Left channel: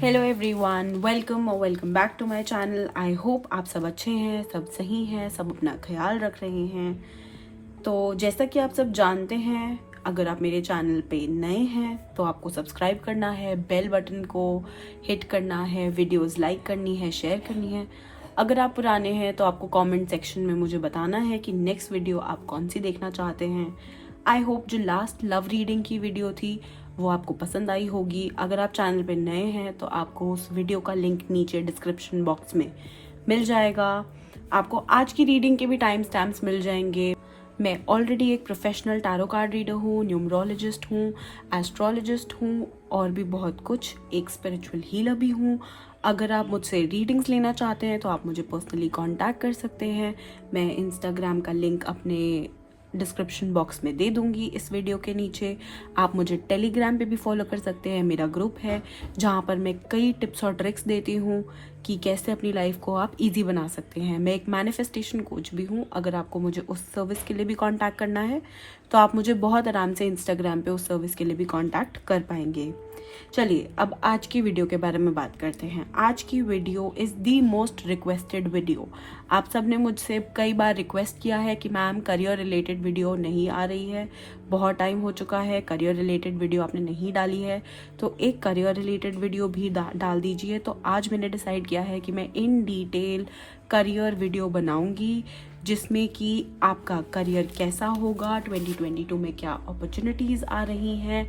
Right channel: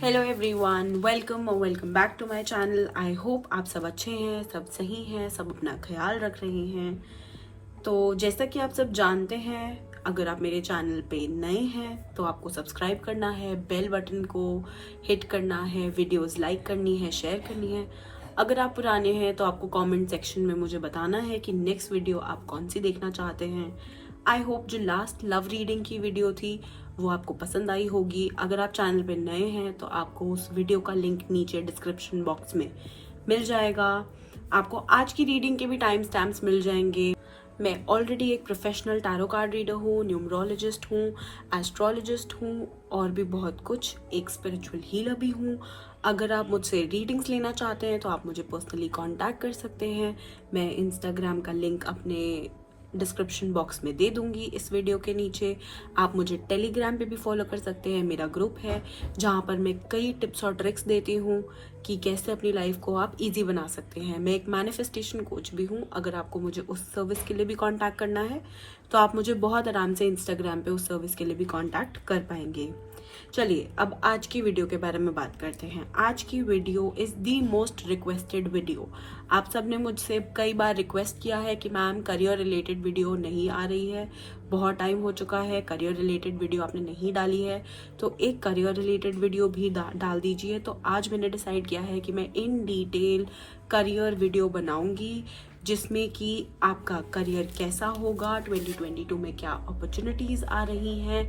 Hello everyone, welcome back to my channel. I hope आप सब अच्छे हैं, सब सही हैं, सब अपना ख्याल रख रहे हैं। तो जैसा कि आप सब जानते हैं, अगर आप मेरे चैनल पे नए हैं तो आपको सब्सक्राइब करना है, बेल बटन को हिट करना है, वीडियोस लाइक करनी है, शेयर करनी है। अगर आप पुराने हैं तो आपको कमेंट सेक्शन में मुझे बताना है कि नेक्स्ट वीडियो आप कौन सी देखना चाहते हैं। आई होप जो लास्ट लव रीडिंग की वीडियो थी वो आपको पसंद आई होगी। अगर आप चैनल पे नए हैं तो आपको उस वीडियो का लिंक नीचे डिस्क्रिप्शन बॉक्स में मिल जाएगा। आपको आज की रीडिंग के भी टाइम स्टैम्प्स मिल जाएंगे। मैं ऑलरेडी एक प्रोफेशनल टैरो कार्ड रीडर हूँ, न्यूमरोलॉजिस्ट हूँ, एस्ट्रोलॉजिस्ट हूँ और भी बहुत कुछ, एक स्पिरिचुअल हीलर भी हूँ। अगर आप मुझसे रीडिंग्स लेना चाहते हैं तो आप मुझे पर्सनली कांटेक्ट कर सकते हैं। मैं इंस्टाग्राम का लिंक अपने डिस्क्रिप्शन बॉक्स में दे दूंगी इस वीडियो के नीचे। आप मुझे टेलीग्राम पे भी फॉलो कर सकते हैं, मेरा ग्रुप है जहाँ पर मैं कई टिप्स और ट्रिक्स देती हूँ कि कैसे अपनी लाइफ को आप इजी बना सकते हैं। मैं एक मैनिफेस्टेशन कोच भी हूँ। अगर आपको मुझे उस सर्विस के लिए भी कांटेक्ट करना है तो आप मुझे बहुत आराम से इंस्टाग्राम पे उस सर्विस के लिए भी कांटेक्ट कर पाएंगे। चलिए अब आज की वीडियो के बारे में बात करते हैं। आज की video is the most requested video. आप सबने मुझसे कई बार रिक्वेस्ट किया है कि मैम करियर रिलेटेड वीडियो नहीं आ रही है, बहुत टाइम हो चुका है, करियर रिलेटेड वीडियो आपने नहीं डाली है, तो एक करियर रिलेटेड वीडियो भी डाल दीजिए। तो आज मैंने डिसाइड किया है कि मैं इन डिटेल करियर वीडियो बनाऊंगी जिसमें कि आपका करियर कैसा होगा, 2022 में क्या अपॉर्चुनिटीज आ रही हैं,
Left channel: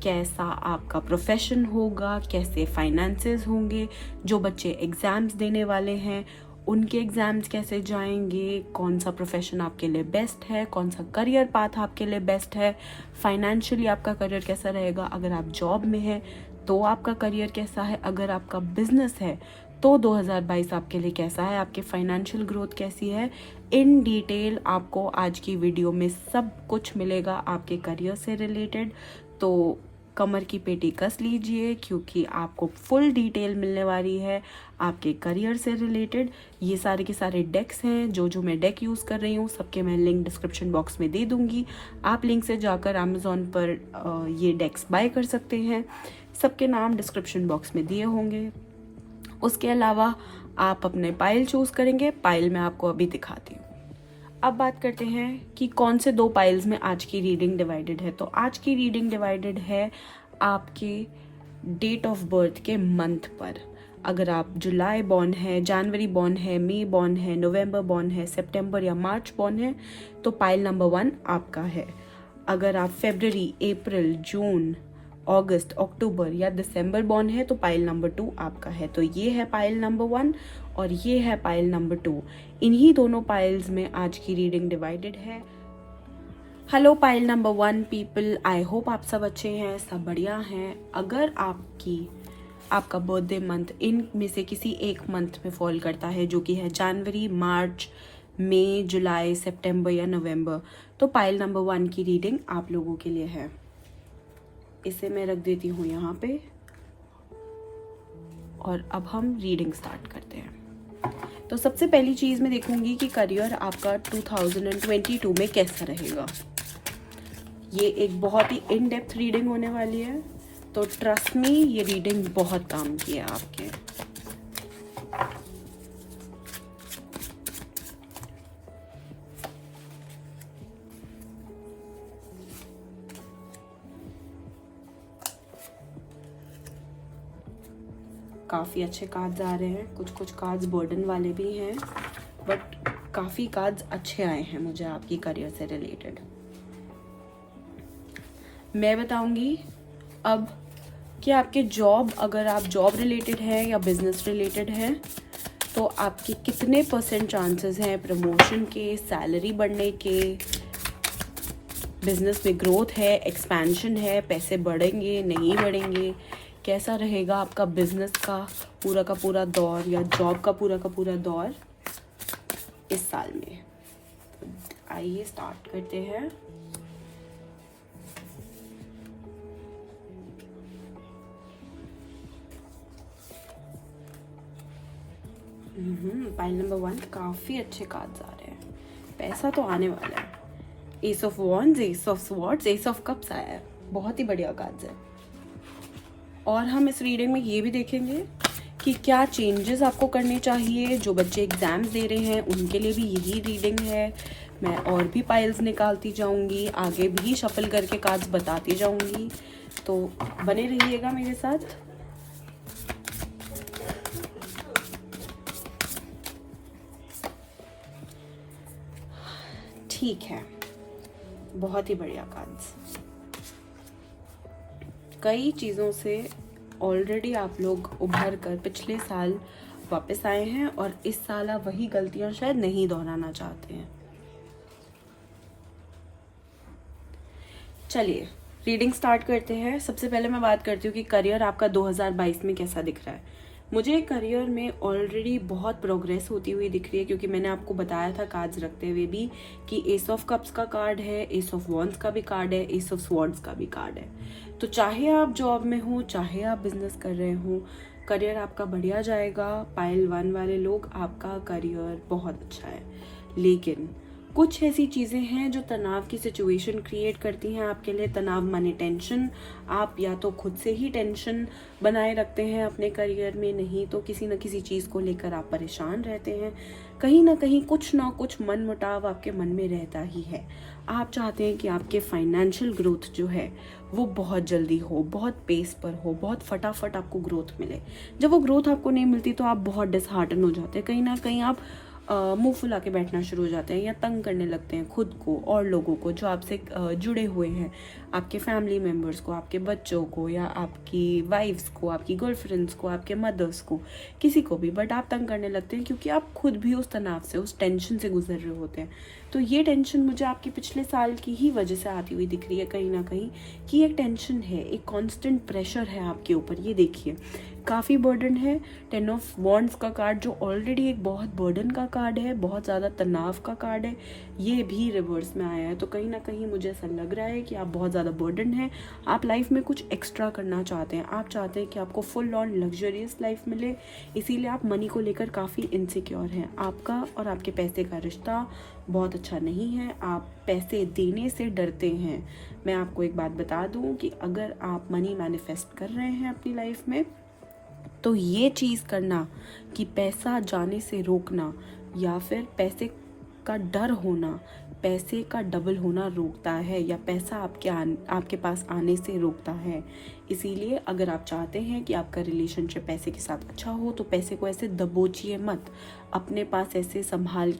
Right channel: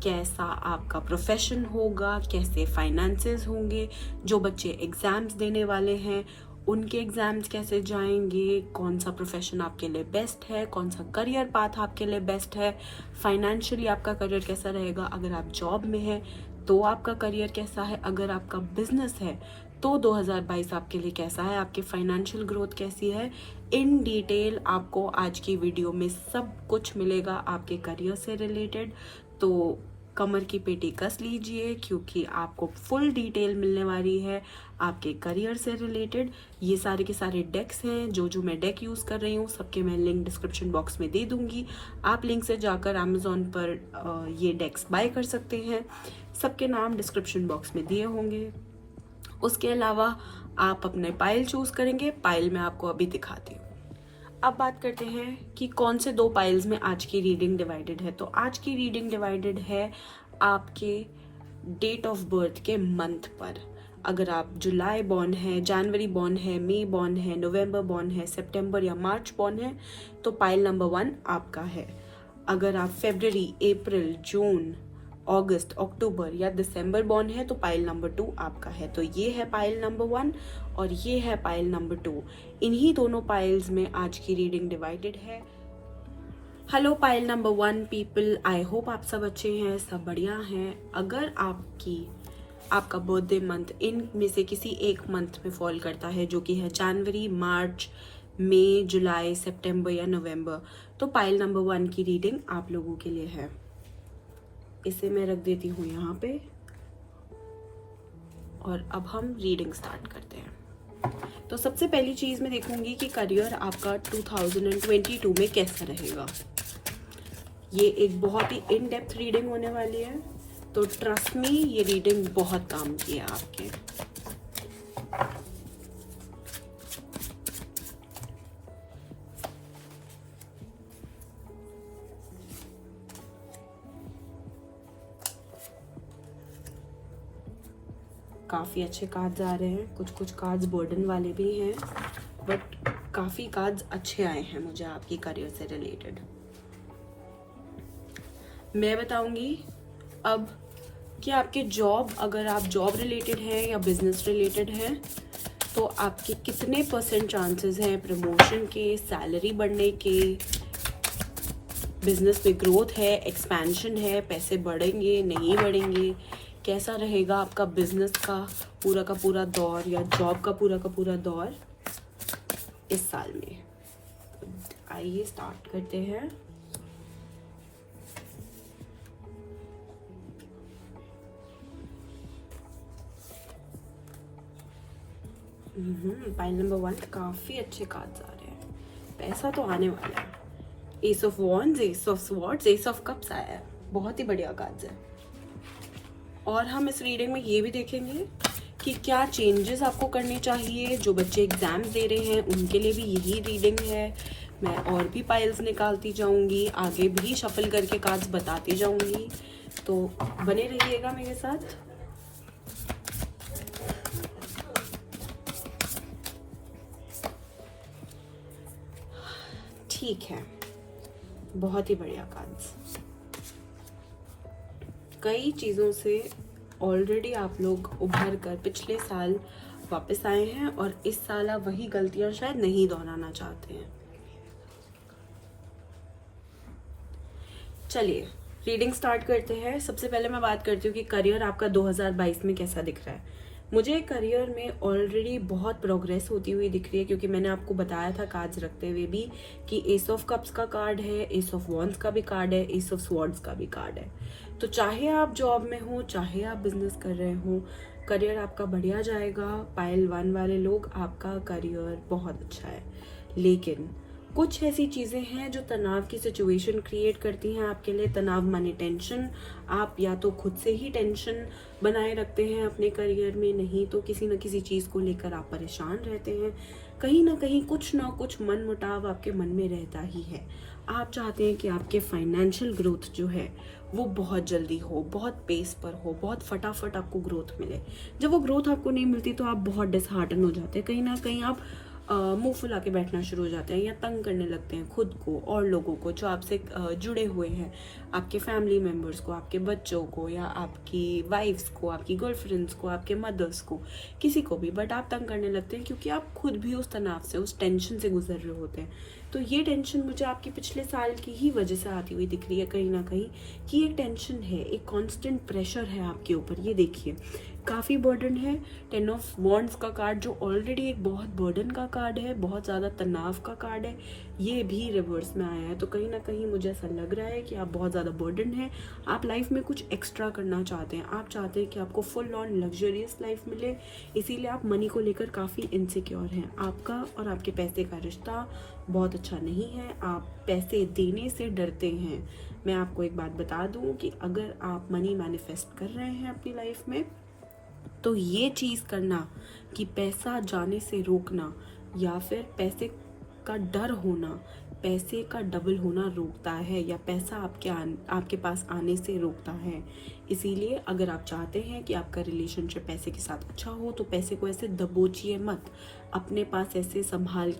कैसा आपका प्रोफेशन होगा, कैसे फाइनेंसेस होंगे, जो बच्चे एग्जाम्स देने वाले हैं उनके एग्जाम्स कैसे जाएंगे, कौन सा प्रोफेशन आपके लिए बेस्ट है, कौन सा करियर पाथ आपके लिए बेस्ट है, फाइनेंशियली आपका करियर कैसा रहेगा, अगर आप जॉब में है तो आपका करियर कैसा है, अगर आपका बिजनेस है तो 2022 आपके लिए कैसा है, आपके फाइनेंशियल ग्रोथ कैसी है। इन डिटेल आपको आज की वीडियो में सब कुछ मिलेगा आपके करियर से रिलेटेड। तो कमर की पेटी कस लीजिए क्योंकि आपको फुल डिटेल मिलने वाली है आपके करियर से रिलेटेड। ये सारे के सारे डेक्स हैं, जो मैं डेक यूज़ कर रही हूँ सबके मैं लिंक डिस्क्रिप्शन बॉक्स में दे दूंगी। आप लिंक से जाकर अमेजोन पर ये डेक्स बाय कर सकते हैं। सबके नाम डिस्क्रिप्शन बॉक्स में दिए होंगे। उसके अलावा आप अपने पाइल चूज करेंगे, पाइल मैं आपको अभी दिखाती हूँ। अब बात करते हैं कि कौन से दो पाइल्स में आज की रीडिंग डिवाइडेड है। तो आज की रीडिंग डिवाइडेड है आपके डेट ऑफ बर्थ के मंथ पर। अगर आप जुलाई बॉर्न है, जनवरी बॉर्न है, मई बॉर्न है, नवंबर बॉर्न है, सितंबर या मार्च बॉर्न है तो पाइल नंबर 1 आपका है। अगर आप फरवरी, अप्रैल, जून, अगस्त, अक्टूबर या दिसंबर बॉर्न है तो पाइल नंबर 2 आपका है। तो ये है पाइल नंबर 1 और ये है पाइल नंबर 2। इन्हीं दोनों पाइल्स में आज की रीडिंग डिवाइडेड है। हेलो पाइल नंबर 1 पीपल, आई होप आप सब अच्छे हैं, सब बढ़िया हैं। अगर आपका बर्थडे मंथ इन में से किसी एक मंथ में फॉल करता है जो कि है जनवरी, मार्च, मई, जुलाई, सितंबर या नवंबर, तो पाइल नंबर 1 की रीडिंग आप लोगों के लिए है। इसे मैं रख देती हूँ यहाँ पे और अब हम रीडिंग स्टार्ट करते हैं। तो सबसे पहली चीज मैं देखूंगी कि करियर आपका 2022 में कैसा रहेगा। ये एक बहुत ही इन डेप्थ रीडिंग होने वाली है, तो ट्रस्ट मी ये रीडिंग बहुत काम की है आपके। काफ़ी अच्छे कार्ड्स आ रहे हैं, कुछ कार्ड्स बर्डन वाले भी हैं, बट काफ़ी कार्ड्स अच्छे आए हैं मुझे आपकी करियर से रिलेटेड। मैं बताऊंगी अब कि आपके जॉब, अगर आप जॉब रिलेटेड है या बिजनेस रिलेटेड है तो आपके कितने % चांसेस हैं प्रमोशन के, सैलरी बढ़ने के, बिजनेस में ग्रोथ है, एक्सपेंशन है, पैसे बढ़ेंगे नहीं बढ़ेंगे, कैसा रहेगा आपका बिजनेस का पूरा दौर या जॉब का पूरा दौर इस साल में। आइए स्टार्ट करते हैं। पाइल नंबर 1 काफी अच्छे कार्ड्स आ रहे हैं, पैसा तो आने वाला है। S of wands, S of swords, S of cups आया है, बहुत ही बढ़िया कार्ड्स है। और हम इस रीडिंग में ये भी देखेंगे कि क्या चेंजेस आपको करने चाहिए। जो बच्चे एग्जाम्स दे रहे हैं उनके लिए भी यही रीडिंग है। मैं और भी पाइल्स निकालती जाऊंगी, आगे भी शफल करके कार्ड्स बताती जाऊंगी, तो बने रहिएगा मेरे साथ। ठीक है, बहुत ही बढ़िया कार्ड्स। कई चीज़ों से ऑलरेडी आप लोग उभर कर पिछले साल वापस आए हैं और इस साल आप वही गलतियां शायद नहीं दोहराना चाहते हैं। चलिए रीडिंग स्टार्ट करते हैं। सबसे पहले मैं बात करती हूँ कि करियर आपका 2022 में कैसा दिख रहा है। मुझे करियर में ऑलरेडी बहुत प्रोग्रेस होती हुई दिख रही है, क्योंकि मैंने आपको बताया था कार्ड्स रखते हुए भी कि एस ऑफ कप्स का कार्ड है, एस ऑफ वॉन्ड्स का भी कार्ड है, एस ऑफ स्वॉर्ड्स का भी कार्ड है। तो चाहे आप जॉब में हो, चाहे आप बिजनेस कर रहे हो, करियर आपका बढ़िया जाएगा। पाइल 1 वाले लोग, आपका करियर बहुत अच्छा है। लेकिन कुछ ऐसी चीजें हैं जो तनाव की सिचुएशन क्रिएट करती हैं आपके लिए। तनाव माने टेंशन। आप या तो खुद से ही टेंशन बनाए रखते हैं अपने करियर में, नहीं तो किसी न किसी चीज को लेकर आप परेशान रहते हैं। कहीं ना कहीं कुछ ना कुछ मन मुटाव आपके मन में रहता ही है। आप चाहते हैं कि आपके फाइनेंशियल ग्रोथ जो है वो बहुत जल्दी हो, बहुत पेस पर हो, बहुत फटाफट आपको ग्रोथ मिले। जब वो ग्रोथ आपको नहीं मिलती तो आप बहुत डिसहार्टन हो जाते हैं। कहीं ना कहीं आप मुंह फुला के बैठना शुरू हो जाते हैं या तंग करने लगते हैं खुद को और लोगों को जो आपसे जुड़े हुए हैं, आपके फैमिली मेम्बर्स को, आपके बच्चों को, या आपकी वाइफ्स को, आपकी गर्लफ्रेंड्स को, आपके मदर्स को, किसी को भी। बट आप तंग करने लगते हैं क्योंकि आप खुद भी उस तनाव से, उस टेंशन से गुजर रहे होते हैं। तो ये टेंशन मुझे आपके पिछले साल की ही वजह से आती हुई दिख रही है कहीं ना कहीं, कि एक टेंशन है, एक कांस्टेंट प्रेशर है आपके ऊपर। ये देखिए काफ़ी बर्डन है। 10 ऑफ वॉन्ड्स का कार्ड जो ऑलरेडी एक बहुत बर्डन का कार्ड है, बहुत ज़्यादा तनाव का कार्ड है, ये भी रिवर्स में आया है। तो कहीं ना कहीं मुझे ऐसा लग रहा है कि आप बहुत ज़्यादा बर्डन है। आप लाइफ में कुछ एक्स्ट्रा करना चाहते हैं। आप चाहते हैं कि आपको फुल ऑन लग्जरियस लाइफ मिले, इसीलिए आप मनी को लेकर काफ़ी इनसिक्योर हैं। आपका और आपके पैसे का रिश्ता बहुत अच्छा नहीं है। आप पैसे देने से डरते हैं। मैं आपको एक बात बता दूं कि अगर आप मनी मैनिफेस्ट कर रहे हैं अपनी लाइफ में, तो ये चीज़ करना कि पैसा जाने से रोकना या फिर पैसे का डर होना, पैसे का डबल होना रोकता है, या पैसा आपके पास आने से रोकता है। इसीलिए अगर आप चाहते हैं कि आपका रिलेशनशिप पैसे के साथ अच्छा हो, तो पैसे को ऐसे दबोचिए मत। अपने पास ऐसे संभाल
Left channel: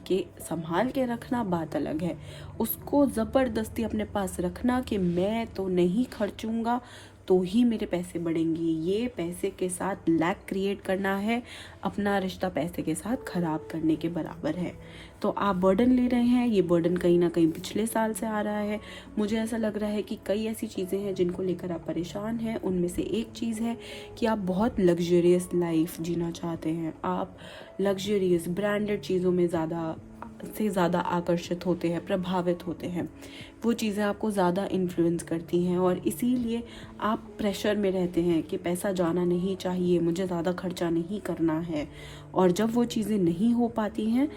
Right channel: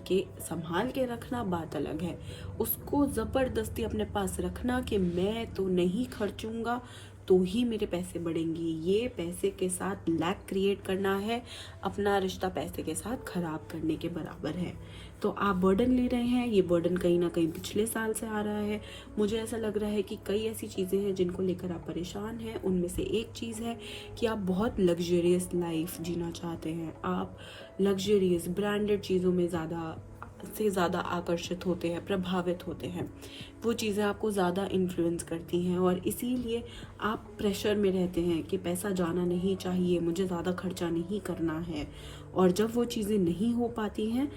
के रखना बात अलग है। उसको ज़बरदस्ती अपने पास रखना कि मैं तो नहीं खर्चूंगा तो ही मेरे पैसे बढ़ेंगे, ये पैसे के साथ लैक क्रिएट करना है, अपना रिश्ता पैसे के साथ खराब करने के बराबर है। तो आप बर्डन ले रहे हैं, ये बर्डन कहीं ना कहीं पिछले साल से आ रहा है। मुझे ऐसा लग रहा है कि कई ऐसी चीज़ें हैं जिनको लेकर आप परेशान हैं। उनमें से एक चीज़ है कि आप बहुत लग्जरियस लाइफ जीना चाहते हैं। आप लग्जरियस ब्रांडेड चीज़ों में ज़्यादा आकर्षित होते हैं, प्रभावित होते हैं। वो चीज़ें आपको ज़्यादा इन्फ्लुएंस करती हैं और इसीलिए आप प्रेशर में रहते हैं कि पैसा जाना नहीं चाहिए, मुझे ज़्यादा खर्चा नहीं करना है। और जब वो चीज़ें नहीं हो पाती हैं,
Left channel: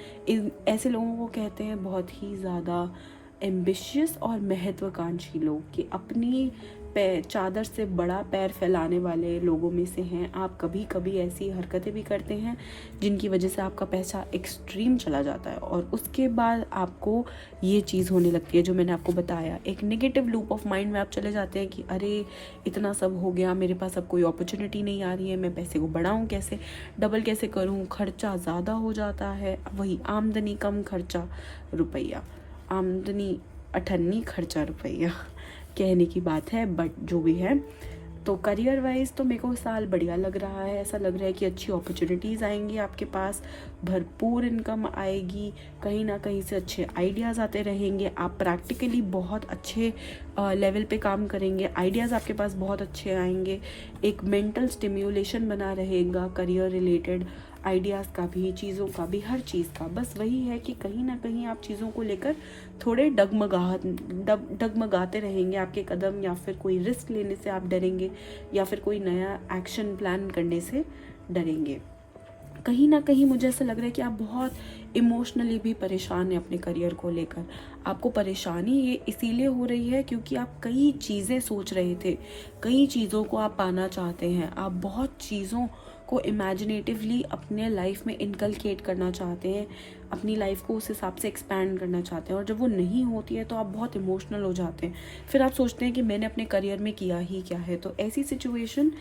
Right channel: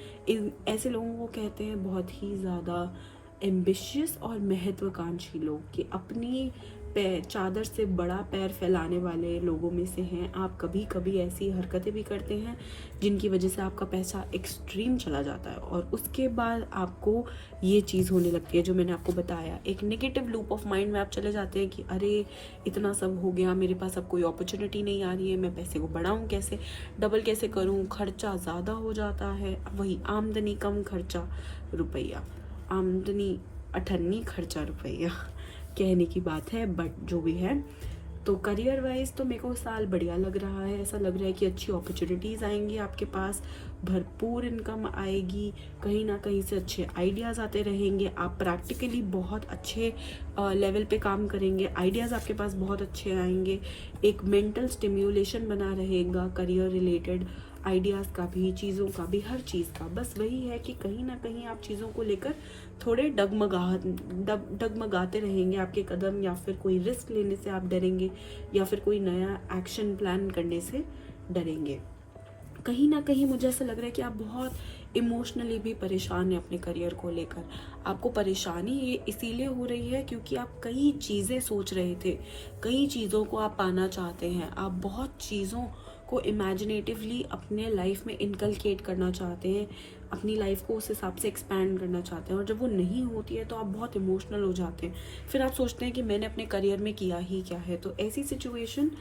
ऐसे लोगों को कहते हैं बहुत ही ज़्यादा एम्बिशियस और महत्वाकांक्षी लोग, कि अपनी चादर से बड़ा पैर फैलाने वाले लोगों में से हैं आप। कभी कभी ऐसी हरकतें भी करते हैं जिनकी वजह से आपका पैसा एक्सट्रीम चला जाता है और उसके बाद आपको ये चीज़ होने लगती है जो मैंने आपको बताया। एक नेगेटिव लूप ऑफ माइंड में आप चले जाते हैं कि अरे इतना सब हो गया, मेरे पास अब कोई अपॉर्चुनिटी नहीं आ रही है, मैं पैसे को बढ़ाऊँ कैसे, डबल कैसे करूँ, खर्चा ज़्यादा हो जाता है। वही आमदनी कम खर्चा रुपया, आमदनी अठन्नी खर्चा रुपया, कहने की बात है, बट जो भी है। तो करियर वाइज तो मेरे को साल बढ़िया लग रहा है। ऐसा लग रहा है कि अच्छी अपॉर्चुनिटीज़ आएंगी आपके पास, भरपूर इनकम आएगी, कहीं ना कहीं से अच्छे आइडियाज़ आते रहेंगे। आप प्रैक्टिकली बहुत अच्छे लेवल पे काम करेंगे, आइडियाज़ आपके पास बहुत अच्छे आएंगे। एक मेंटल स्टिम्युलेशन बना रहेगा करियर रिलेटेड आइडियाज़ का भी, चीज़ों का भी, हर चीज़ का। बस वही है कि कहीं ना कहीं आप चीज़ों को लेकर थोड़े डगमगाते रहेंगे। आपके कदम या फिर कोई रिस्क लेने से आप डरेंगे या फिर कोई नया एक्शन प्लान करने से डरेंगे। कहीं ना कहीं मुझे ऐसा लग रहा है कि आप बहुत इमोशनली भी परेशान हैं अपने करियर को लेकर। आपको परेशानी ये इसीलिए हो रही है क्योंकि आप कई चीज़ें सोच रहे थे, कई चीज़ों को आप पाना चाहते हैं, आप बहुत चीज़ों को इमेजिनेटिवली अपने लाइफ में इनकलकेट करना चाहते हैं, अपनी लाइफ को उस हिसाब से एक्सपैंड करना चाहते हैं, और जब वो नहीं होती है तो आप बहुत इमोशनल हो जाते हैं। फिर आप सोचते हैं कि मैंने अपने करियर में किया ही क्या है। तो ऐसी सिचुएशन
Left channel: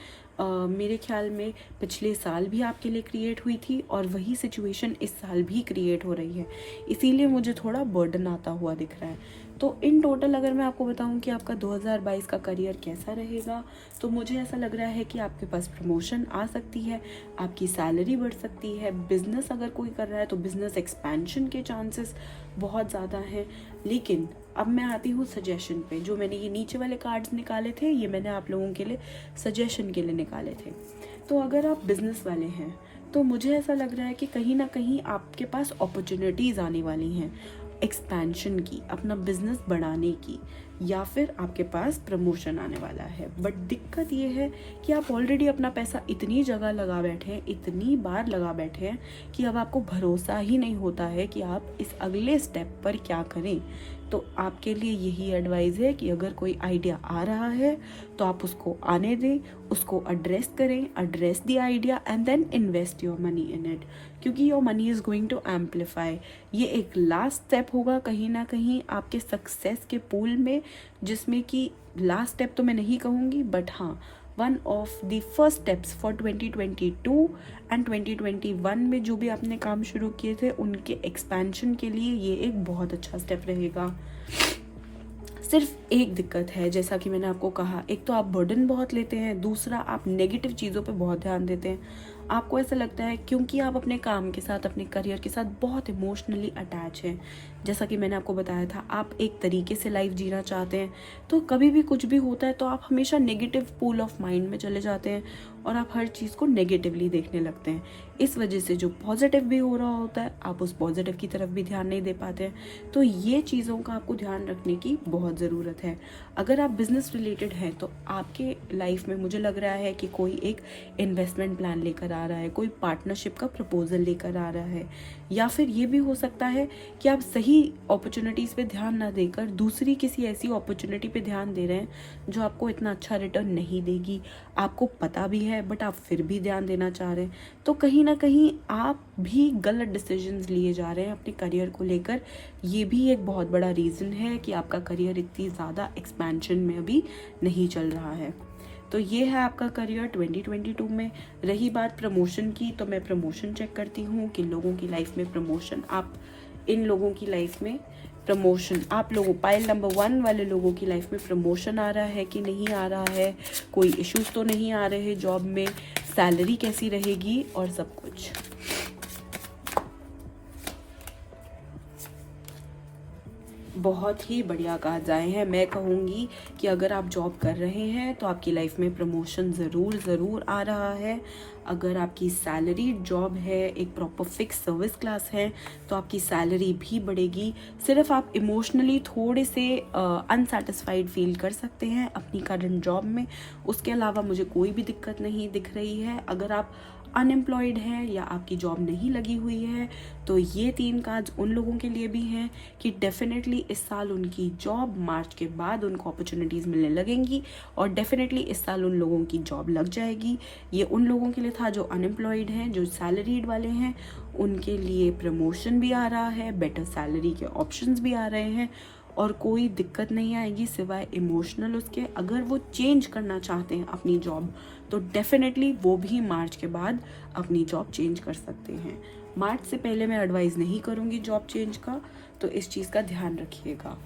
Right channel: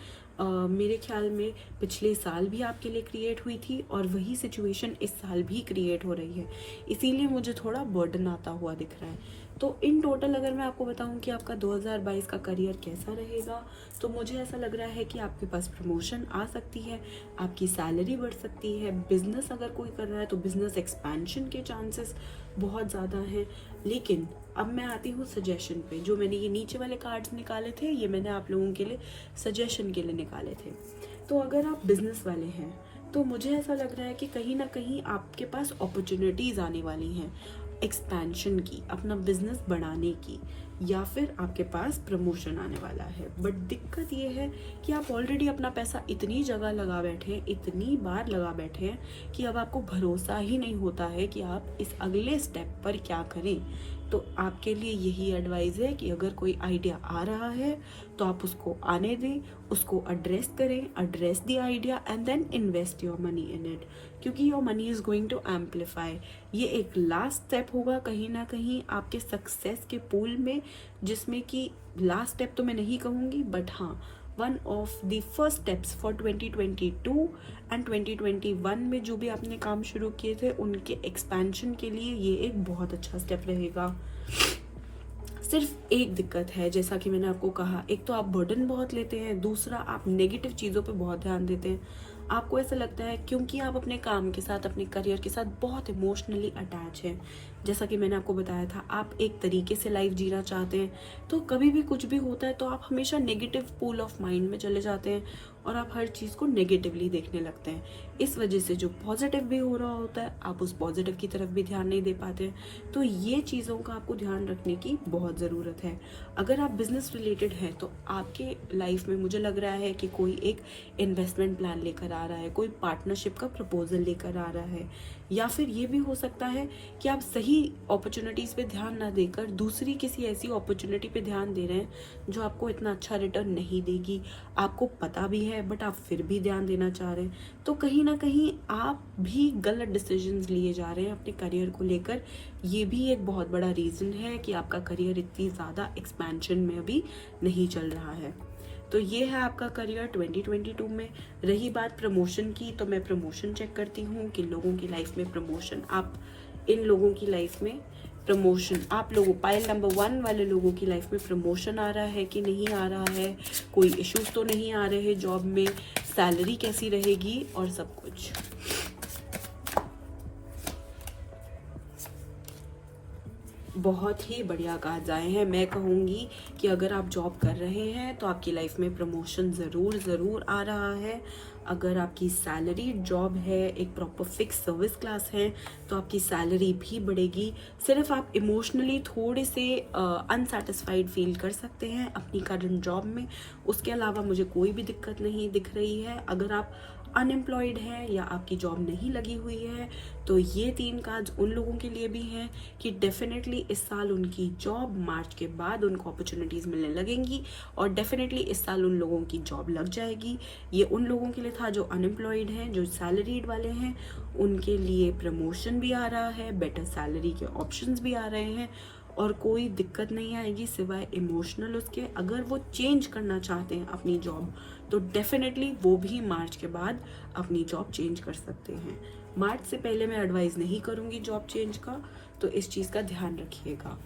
मेरे ख्याल में पिछले साल भी आपके लिए क्रिएट हुई थी और वही सिचुएशन इस साल भी क्रिएट हो रही है, इसीलिए मुझे थोड़ा बर्डन आता हुआ दिख रहा है। तो इन टोटल अगर मैं आपको बताऊं कि आपका 2022 का करियर कैसा रहेगा, तो मुझे ऐसा लग रहा है कि आपके पास प्रमोशन आ सकती है, आपकी सैलरी बढ़ सकती है, बिजनेस अगर कोई कर रहा है तो बिजनेस एक्सपेंशन के चांसेस बहुत ज़्यादा हैं। लेकिन अब मैं आती हूँ सजेशन पे। जो मैंने ये नीचे वाले कार्ड्स निकाले थे, ये मैंने आप लोगों के लिए सजेशन के लिए निकाले थे। तो अगर आप बिजनेस वाले हैं तो मुझे ऐसा लग रहा है कि कहीं ना कहीं आपके पास अपॉर्चुनिटीज़ आने वाली हैं एक्सपेंशन की, अपना बिजनेस बढ़ाने की, या फिर आपके पास प्रमोशन आने वाला है। बट दिक्कत ये है कि आप ऑलरेडी अपना पैसा इतनी जगह लगा बैठे हैं, इतनी बार लगा बैठे हैं कि अब आपको भरोसा ही नहीं होता है कि आप इस अगले स्टेप पर क्या करें। तो आपके लिए यही एडवाइस है कि अगर कोई आइडिया आ रहा है तो आप उसको आने दें, उसको एड्रेस करें, address the idea and then invest your money in it, क्योंकि your money is going to amplify. ये एक लास्ट स्टेप होगा कहीं ना कहीं आपके सक्सेस के पूल में, जिसमें कि लास्ट स्टेप तो मैं नहीं कहूँगी, बट हाँ, one of the first steps for 2022 and 2021 में जो भी आपने काम शुरू किए थे उनके एक्सपेंशन के लिए ये एक बहुत अच्छा स्टेप रहेगा। सिर्फ एक दिक्कत है, जैसा कि मैंने आपको कहा, एक तो आप बर्डन बहुत लेते हैं, दूसरा आप नेगेटिव चीज़ों पे बहुत ध्यान देते हैं। आपको ऐसा लगता है क्योंकि आप अपने काम के साथ, अपने करियर के साथ बहुत इमोशनली अटैच हैं। जैसा कि मैंने आपको बताया था, आप एक तरीके से लाइफ जीना चाहते हैं, तो कभी भी कुछ भी होता है तो आप हमेशा नेगेटिव पूल ऑफ माइंड में चले जाते हैं और आप हर चीज़ को नेगेटिवली देखने लगते हैं। इस वजह से जो पॉजिटिव भी हो रहा होता है, आप उस पॉजिटिव की तरफ भी ध्यान नहीं दे पाते हैं। तो ये चीज़ों का आपको ध्यान रखने की बहुत ज़रूरत है। अगर आप बिजनेस रिलेटेड हैं तो आपके लाइफ में मुझे लग रहा है कि कोई एक इन्वेस्टमेंट प्लान लेकर आ रहा है, कोई पार्टनरशिप का प्रपोजल लेकर आ रहा है, या फिर ये भी हो सकता है कि आप सही अपॉर्चुनिटीज़ पे ध्यान ना देकर दूसरी किसी ऐसी अपॉर्चुनिटी पे ध्यान दे रहे हैं जो आपको इतना अच्छा रिटर्न नहीं देगी। आपको पता भी है बट आप फिर भी ध्यान देना चाह रहे हैं। तो कहीं ना कहीं आप भी गलत डिसीजंस लिए जा रहे हैं अपने करियर को लेकर। ये भी एक बहुत बड़ा रीज़न है कि आपका करियर इतनी ज़्यादा एक्सपेंशन में अभी नहीं चल रहा है। तो ये है आपका करियर 2022 में। रही बात प्रमोशन की, तो मैं प्रमोशन चेक करती हूँ कि लोगों की लाइफ में प्रमोशन, आप इन लोगों की लाइफ में प्रमोशन, आप लोगों पाइल नंबर 1 वाले लोगों की लाइफ में प्रमोशन आ रहा है कि नहीं आ रहा है, कोई इश्यूज तो नहीं आ रहे जॉब में, सैलरी कैसी रहेगी और सब कुछ। बहुत ही बढ़िया कार्ड्स आए हैं। मैं कहूँगी कि अगर आप जॉब कर रहे हैं तो आपकी लाइफ में प्रमोशन ज़रूर आ रहा है। अगर आपकी सैलरी जॉब है, एक प्रॉपर फिक्स सर्विस क्लास है, तो आपकी सैलरी भी बढ़ेगी। सिर्फ आप इमोशनली थोड़े से अनसेटिस्फाइड फील कर सकते हैं अपनी करंट जॉब में, उसके अलावा मुझे कोई भी दिक्कत नहीं दिख रही है। अगर आप अनएम्प्लॉयड है या आपकी जॉब नहीं लगी हुई है तो ये 3 कार्ड्स उन लोगों के लिए भी हैं कि डेफिनेटली इस साल उनकी जॉब, मार्च के बाद उनको अपॉर्चुनिटीज़ मिलने लगेंगी और डेफिनेटली इस साल उन लोगों की जॉब लग जाएगी। ये उन लोगों के लिए था जो अनएम्प्लॉयड हैं, जो सैलरीड वाले हैं, उनके लिए प्रमोशन भी आ रहा है, बेटर सैलरी के ऑप्शंस भी आ रहे हैं और कोई दिक्कत नहीं आएगी सिवाय इमोशनल उसके। अगर वो चेंज करना चाहते हैं अपनी जॉब तो डेफिनेटली वो भी मार्च के बाद अपनी जॉब चेंज कर सकते हैं। मार्च से पहले मैं एडवाइस नहीं करूंगी जॉब चेंज का, तो इस चीज़ का ध्यान रखिएगा।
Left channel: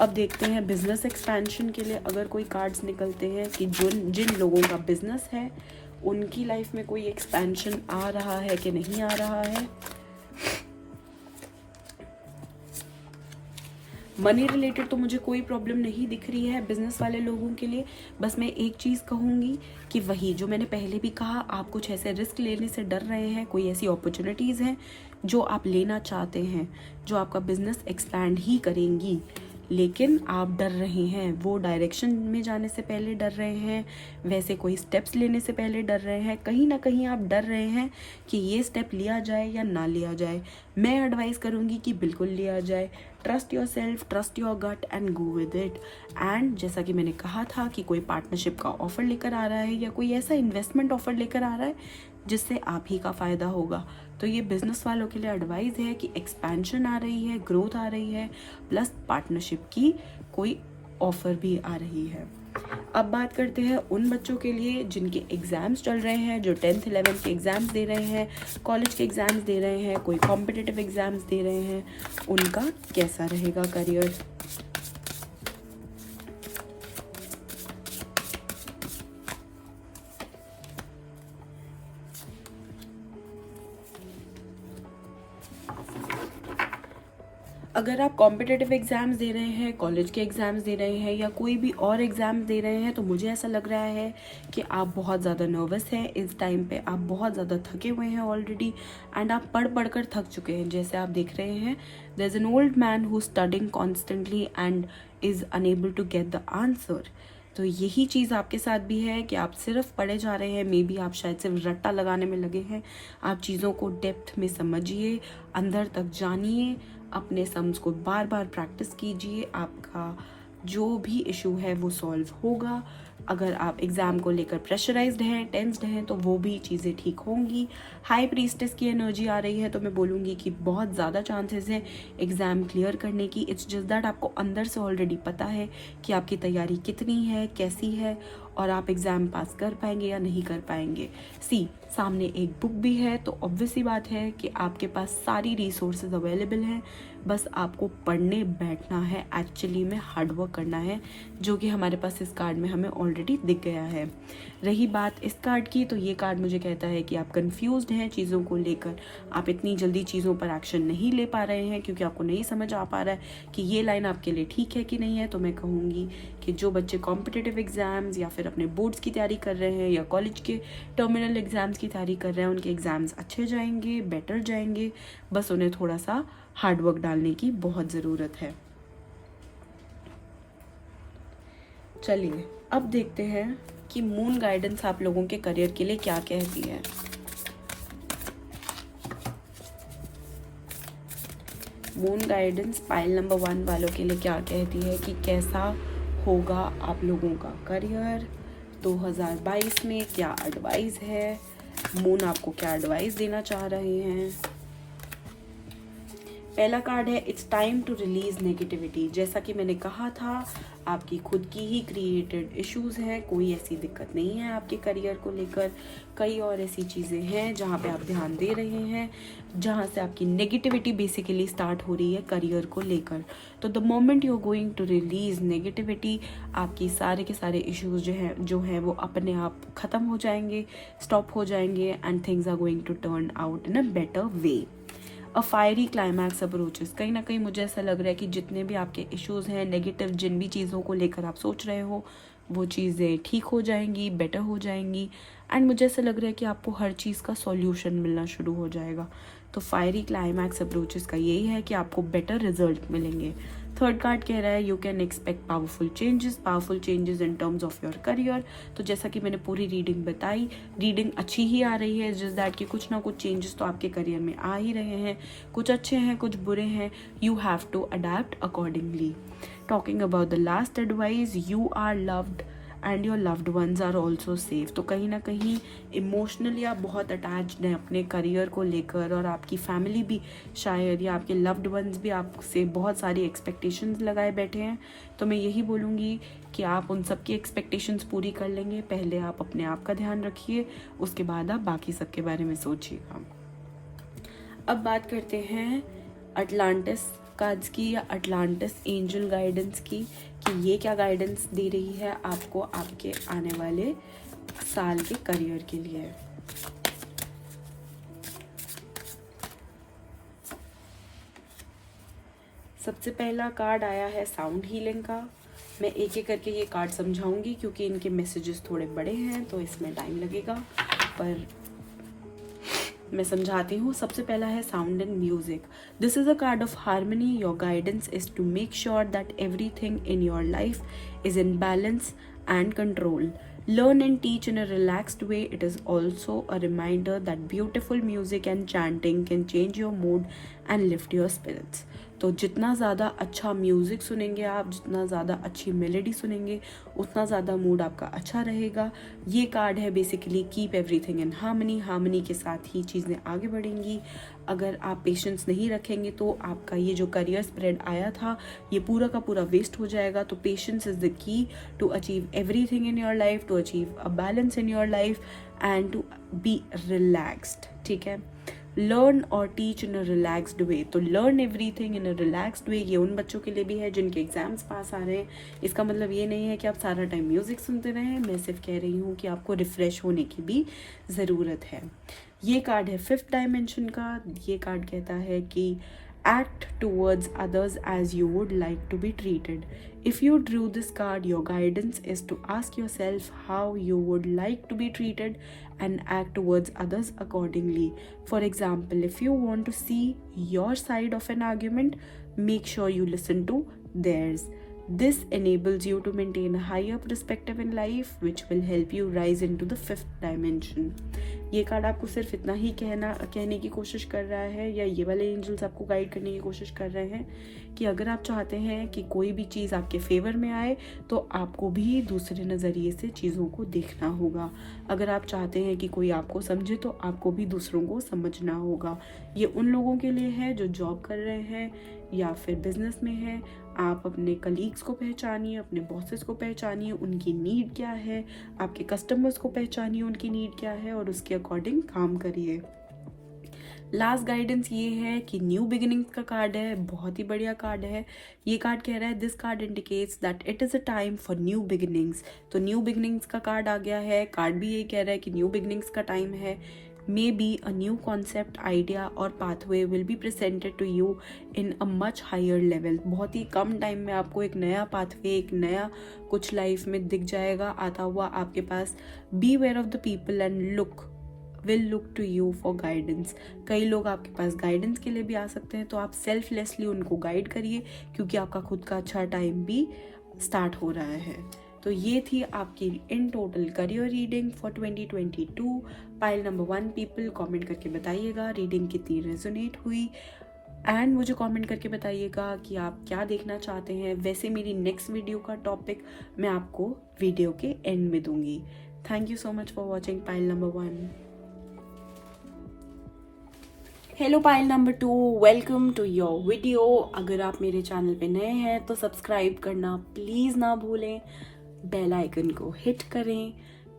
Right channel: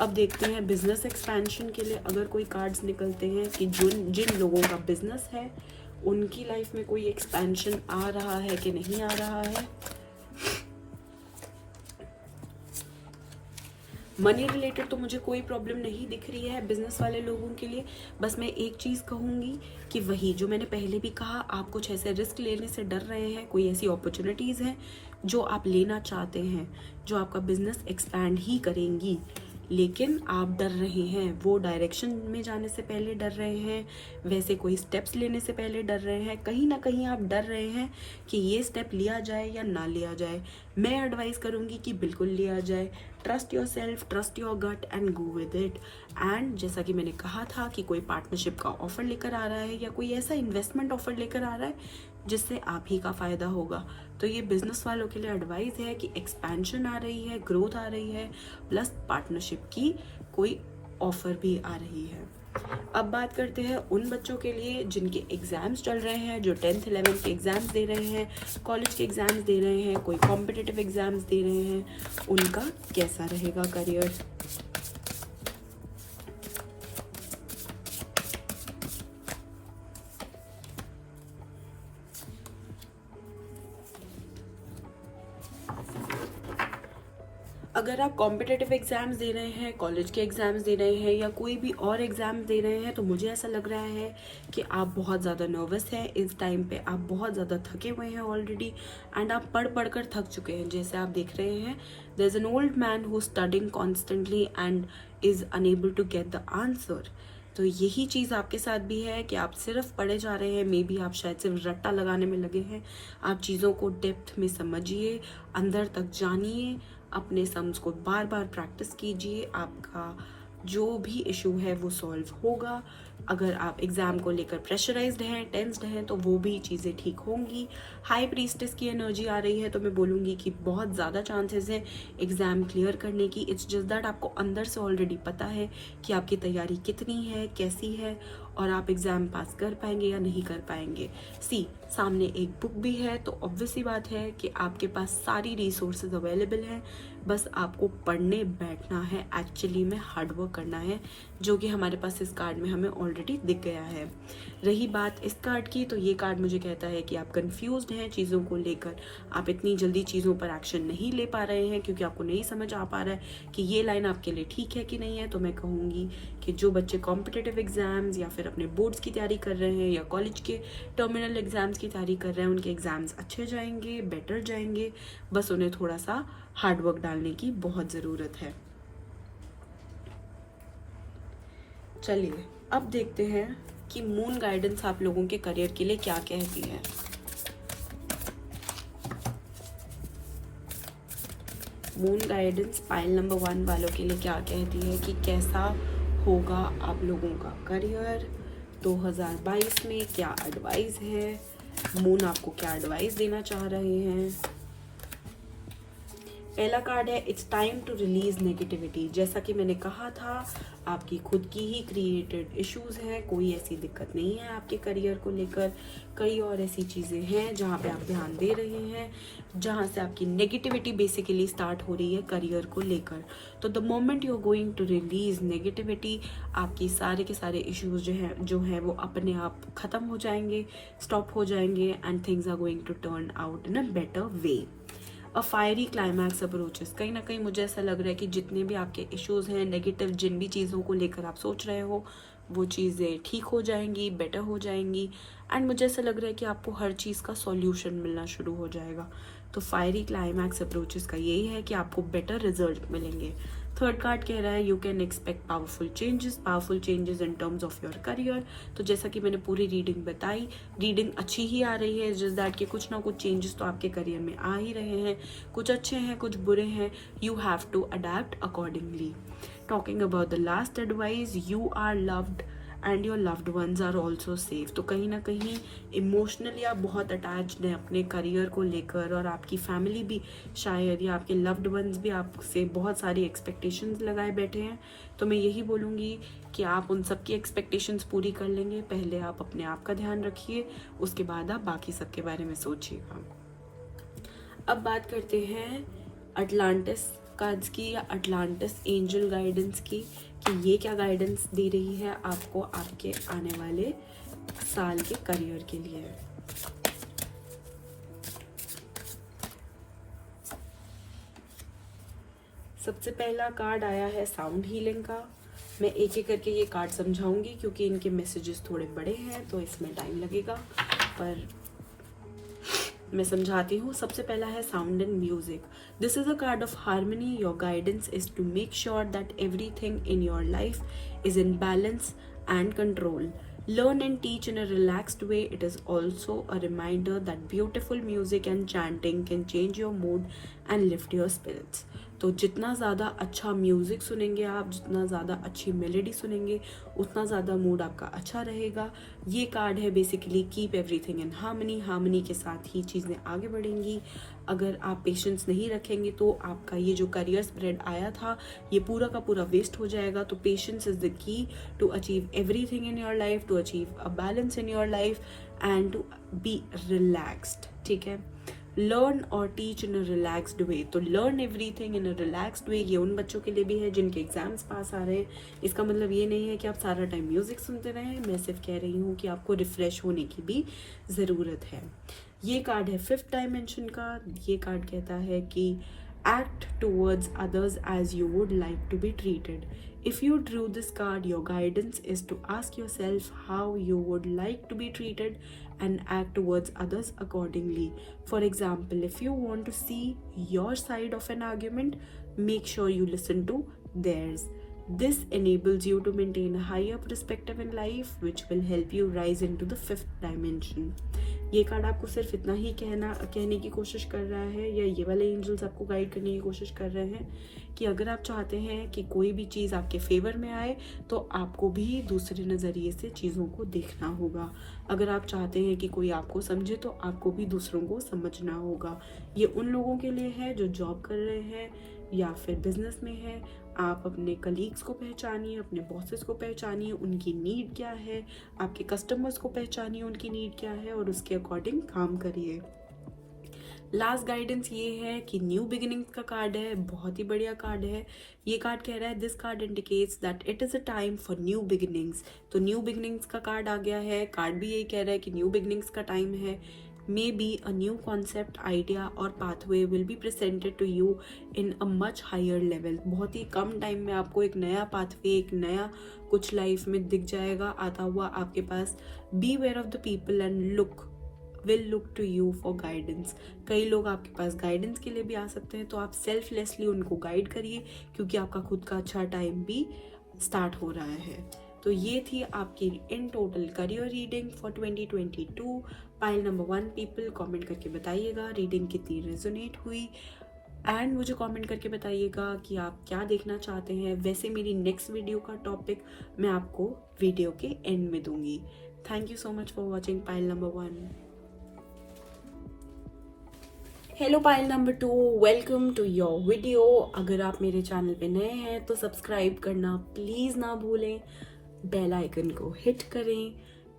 अब देखते हैं बिजनेस एक्सपेंशन के लिए अगर कोई कार्ड्स निकलते हैं कि जिन लोगों का बिजनेस है उनकी लाइफ में कोई एक्सपेंशन आ रहा है कि नहीं आ रहा है। मनी रिलेटेड तो मुझे कोई प्रॉब्लम नहीं दिख रही है बिजनेस वाले लोगों के लिए। बस मैं एक चीज़ कहूँगी कि वही जो मैंने पहले भी कहा, आप कुछ ऐसे रिस्क लेने से डर रहे हैं, कोई ऐसी अपॉर्चुनिटीज़ हैं जो आप लेना चाहते हैं जो आपका बिजनेस एक्सपैंड ही करेंगी, लेकिन आप डर रहे हैं, वो डायरेक्शन में जाने से पहले डर रहे हैं, वैसे कोई स्टेप्स लेने से पहले डर रहे हैं, कहीं ना कहीं आप डर रहे हैं कि ये स्टेप लिया जाए या ना लिया जाए। मैं एडवाइस करूँगी कि बिल्कुल लिया जाए। Trust yourself, trust your gut and go with it. And जैसा कि मैंने कहा था कि कोई पार्टनरशिप का ऑफर लेकर आ रहा है या कोई ऐसा इन्वेस्टमेंट ऑफर लेकर आ रहा है जिससे आप ही का फायदा होगा, तो ये बिजनेस वालों के लिए एडवाइस है कि एक्सपेंशन आ रही है, ग्रोथ आ रही है, प्लस पार्टनरशिप की कोई ऑफर भी आ रही है। अब बात करते हैं उन बच्चों के लिए जिनके एग्जाम्स चल रहे हैं, जो 10th 11th के एग्जाम्स दे रहे हैं, कॉलेज के एग्जाम्स दे रहे हैं, कोई कॉम्पिटिटिव एग्जाम्स दे रहे हैं, उनका कैसा रहेगा करियर। अगर आप कॉम्पिटिटिव एग्जाम्स दे रहे हैं, कॉलेज के एग्जाम्स दे रहे हैं या कोई भी और एग्जाम्स दे रहे हैं, तो मुझे ऐसा लग रहा है कि आप बहुत ज़्यादा नर्वस हैं इस टाइम पे। आप बहुत ज़्यादा थके हुए हैं ऑलरेडी एंड आप पढ़ कर थक चुके हैं। जैसे आप देख रहे हैं, there is an old man who studying constantly and is unable to get the answer. तो यही चीज़ आपके साथ भी है कि आप सिर्फ पढ़े जा रहे हैं, मे बी आप शायद सिर्फ रट्टा लगाने में लगे हैं। आप चीज़ों को डेप्थ में समझिए, अंदर तक जानिए, अपने सम्स को बार बार प्रैक्टिस कीजिए, आपका जो भी इशू है वो सॉल्व होगा। अगर आप एग्ज़ाम को लेकर प्रेशराइज्ड हैं, टेंस्ड हैं, तो वो भी चीज़ें ठीक होंगी। हाई प्रीस्टेस की एनर्जी आ रही है, तो मैं बोलूँगी कि बहुत ज़्यादा चांसेस है एग्ज़ाम क्लियर करने की। इट्स जस्ट दैट आपको अंदर से ऑलरेडी पता है कि आपकी तैयारी कितनी है, कैसी है, और आप एग्ज़ाम पास कर पाएंगे या नहीं कर पाएंगे। सामने एक बुक भी है, तो ऑब्वियस सी बात है कि आपके पास सारी रिसोर्सेज अवेलेबल हैं, बस आपको पढ़ने बैठना है, एक्चुअली में हार्ड वर्क करना है, जो कि हमारे पास इस कार्ड में हमें ऑलरेडी दिख गया है। रही बात इस कार्ड की, तो ये कार्ड मुझे कहता है कि आप कंफ्यूज्ड हैं चीज़ों को लेकर, आप इतनी जल्दी चीज़ों पर एक्शन नहीं ले पा रहे हैं क्योंकि आपको नहीं समझ आ पा रहा है कि ये लाइन आपके लिए ठीक है कि नहीं है। तो मैं कहूँगी कि जो बच्चे कॉम्पिटिटिव एग्जाम्स या फिर अपने बोर्ड्स की तैयारी कर रहे हैं या कॉलेज के टर्मिनल एग्जाम्स की तैयारी कर रहे हैं, उनके एग्जाम्स अच्छे जाएंगे, बेटर जाएंगे। बस उन्हें थोड़ा सा हार्ड वर्क डालने की बहुत ज़रूरत है। चलिए अब देखते हैं कि मून गाइडेंस आप लोगों के करियर के लिए क्या कहती है। मून गाइडेंस पाइल नंबर 1 वालों के लिए क्या कहती है कि कैसा होगा आप लोगों का करियर 2022 में, क्या एडवाइस है, मून आपको क्या एडवाइस देना चाह रहे हैं। पहला कार्ड है it's time to release negativity. जैसा कि मैंने कहा था, आपकी खुद की ही क्रिएटेड इश्यूज है, कोई ऐसी दिक्कत नहीं है आपके करियर को लेकर। कई और ऐसी चीज़ें हैं जहाँ पे आप ध्यान दे रहे हैं, जहाँ से आपकी नेगेटिविटी बेसिकली स्टार्ट हो रही है करियर को लेकर। तो the moment you are going to release negativity, आपकी सारे के सारे इश्यूज जो है वो अपने आप खत्म हो जाएंगे, स्टॉप हो जाएंगे and things are going to turn out in a better way. A fiery climax approaches, कहीं ना कहीं मुझे ऐसा लग रहा है कि जितने भी आपके इश्यूज हैं, नेगेटिव जिन भी चीज़ों को लेकर आप सोच रहे हो, वो चीज़ें ठीक हो जाएंगी, बेटर हो जाएंगी एंड मुझे ऐसा लग रहा है कि आपको हर चीज़ का सॉल्यूशन मिलना शुरू हो जाएगा। तो फायरी क्लाइमैक्स अप्रोचेस का यही है कि आपको बेटर रिजल्ट मिलेंगे। थर्ड कार्ड कह रहा है you can expect powerful changes in terms of your career. तो जैसा कि मैंने पूरी रीडिंग बताई, रीडिंग अच्छी ही आ रही है, जस्ट दैट कि कुछ ना कुछ चेंजेस तो आपके करियर में आ ही रहे हैं, कुछ अच्छे हैं, कुछ बुरे हैं। You have to adapt accordingly. Talking about the last advice, you are loved and your loved ones are also safe. तो कहीं ना कहीं इमोशनली आप बहुत अटैच्ड हैं अपने करियर को लेकर, और आपकी फैमिली भी शायद या आपके लव्ड वंस भी आपसे बहुत सारी एक्सपेक्टेशंस लगाए बैठे हैं। तो मैं यही बोलूँगी कि आप उन सब की एक्सपेक्टेशंस पूरी कर लेंगे। पहले आप अपने आप का ध्यान रखिए, उसके बाद आप बाकी सब के बारे में सोचिएगा। अब बात करते हैं अटलांटिस कार्ड्स की या अटलांटिस एंजल गाइडेंस की, कि ये क्या गाइडेंस दे रही है आपको आपके आने वाले साल के करियर के लिए। सबसे पहला कार्ड आया है साउंड हीलिंग का। मैं एक एक करके ये कार्ड समझाऊंगी क्योंकि इनके मैसेजेस थोड़े बड़े हैं, तो इसमें टाइम लगेगा, पर मैं समझाती हूँ। सबसे पहला है sound and music. This is a card of harmony. Your guidance is to make sure that everything in your life is in balance and control. Learn and teach in a relaxed way. It is also a reminder that beautiful music and chanting can change your mood and lift your spirits. तो जितना ज़्यादा अच्छा music सुनेंगे आप, जितना ज़्यादा अच्छी melody सुनेंगे, उतना ज़्यादा मूड आपका अच्छा रहेगा। ये कार्ड है basically keep everything in harmony. Harmony के साथ ही चीज़ें आगे बढ़ेंगी। अगर आप पेशेंस नहीं रखेंगे तो आपका ये जो करियर स्प्रेड आया था ये पूरा का पूरा वेस्ट हो जाएगा। तो patience is the key to achieve everything in your life, to achieve a balance in your life and to be relaxed. ठीक है, लर्न और teach in a relaxed way. तो learn everything in a relaxed way ये उन बच्चों के लिए भी है जिनके एग्जाम्स पास आ रहे हैं। इसका मतलब ये नहीं है कि आप सारा टाइम म्यूजिक सुनते रहें, मैं सिर्फ कह रही हूँ कि आपको रिफ्रेश होने की भी ज़रूरत है। ये कार्ड है 5th डायमेंशन का। ये कार्ड कहता है कि act towards others as you would like to be treated. If you drew this card, your guidance is to ask yourself how you would like to be treated and act towards others accordingly. For example, if you want to see your side of an argument, make sure you listen to theirs. This enables you to maintain a higher perspective in life, which will help you rise into the 5th dimension. ये card आपको सिर्फ इतना ही कहने की कोशिश कर रहा है, या ये वाले एंजल्स आपको गाइड करने की कोशिश कर रहे हैं कि अगर आप चाहते हैं कि कोई भी चीज़ आपके फेवर में आए तो आपको भी दूसरे नज़रिए से चीज़ों को देखना होगा। अगर आप चाहते हैं कि कोई आपको समझे तो आपको भी दूसरों को समझना होगा। ये उन लोगों के लिए है जो जॉब कर रहे हैं या फिर बिजनेस में है। आप अपने कलीग्स को पहचानिए, अपने बॉसेस को पहचानिए, उनकी नीड क्या है, आपके कस्टमर्स को पहचानिए, उनकी नीड क्या है और उसके अकॉर्डिंग काम करिए। लास्ट गाइडेंस ये है कि न्यू बिगिनिंग्स का कार्ड है, बहुत ही बढ़िया कार्ड है। ये कार्ड कह रहा है this card indicates that it is a time for new beginnings. तो न्यू बिगिनिंग्स का कार्ड आ गया है। कार्ड भी यही कह रहा है कि न्यू बिगिनिंग्स का टाइम है। Maybe a new concept, idea or pathway will be presented to you in a much higher level. बहुत ही कम टाइम में आपको एक नया पाथवे, एक नया कुछ लाइफ में दिख जाएगा आता हुआ आपके पास। Beware of the people and will look to you for guidance. कई लोग आपके पास गाइडेंस के लिए भी आ सकते हैं, तो आप सेल्फलेसली उनको गाइड करिए क्योंकि आपका खुद का अच्छा टाइम भी स्टार्ट हो रहा है। तो ये थी आपकी in total career reading for 2022। Pile number 1 people comment करके बताइएगा रीडिंग कितनी रेजोनेट हुई, एंड मुझे कमेंट करके बताइएगा कि आप क्या देखना चाहते हैं। वैसे मेरी नेक्स्ट वीडियो का टॉपिक मैं आपको वीडियो के एंड में दूंगी। Thank you so much for watching pile number 1। Hello pile number 2, welcome to your video. अगर आप मेरे चैनल पे नए हैं तो सब्सक्राइब करना प्लीज़ ना भूलें, बेल आइकन को हिट करें,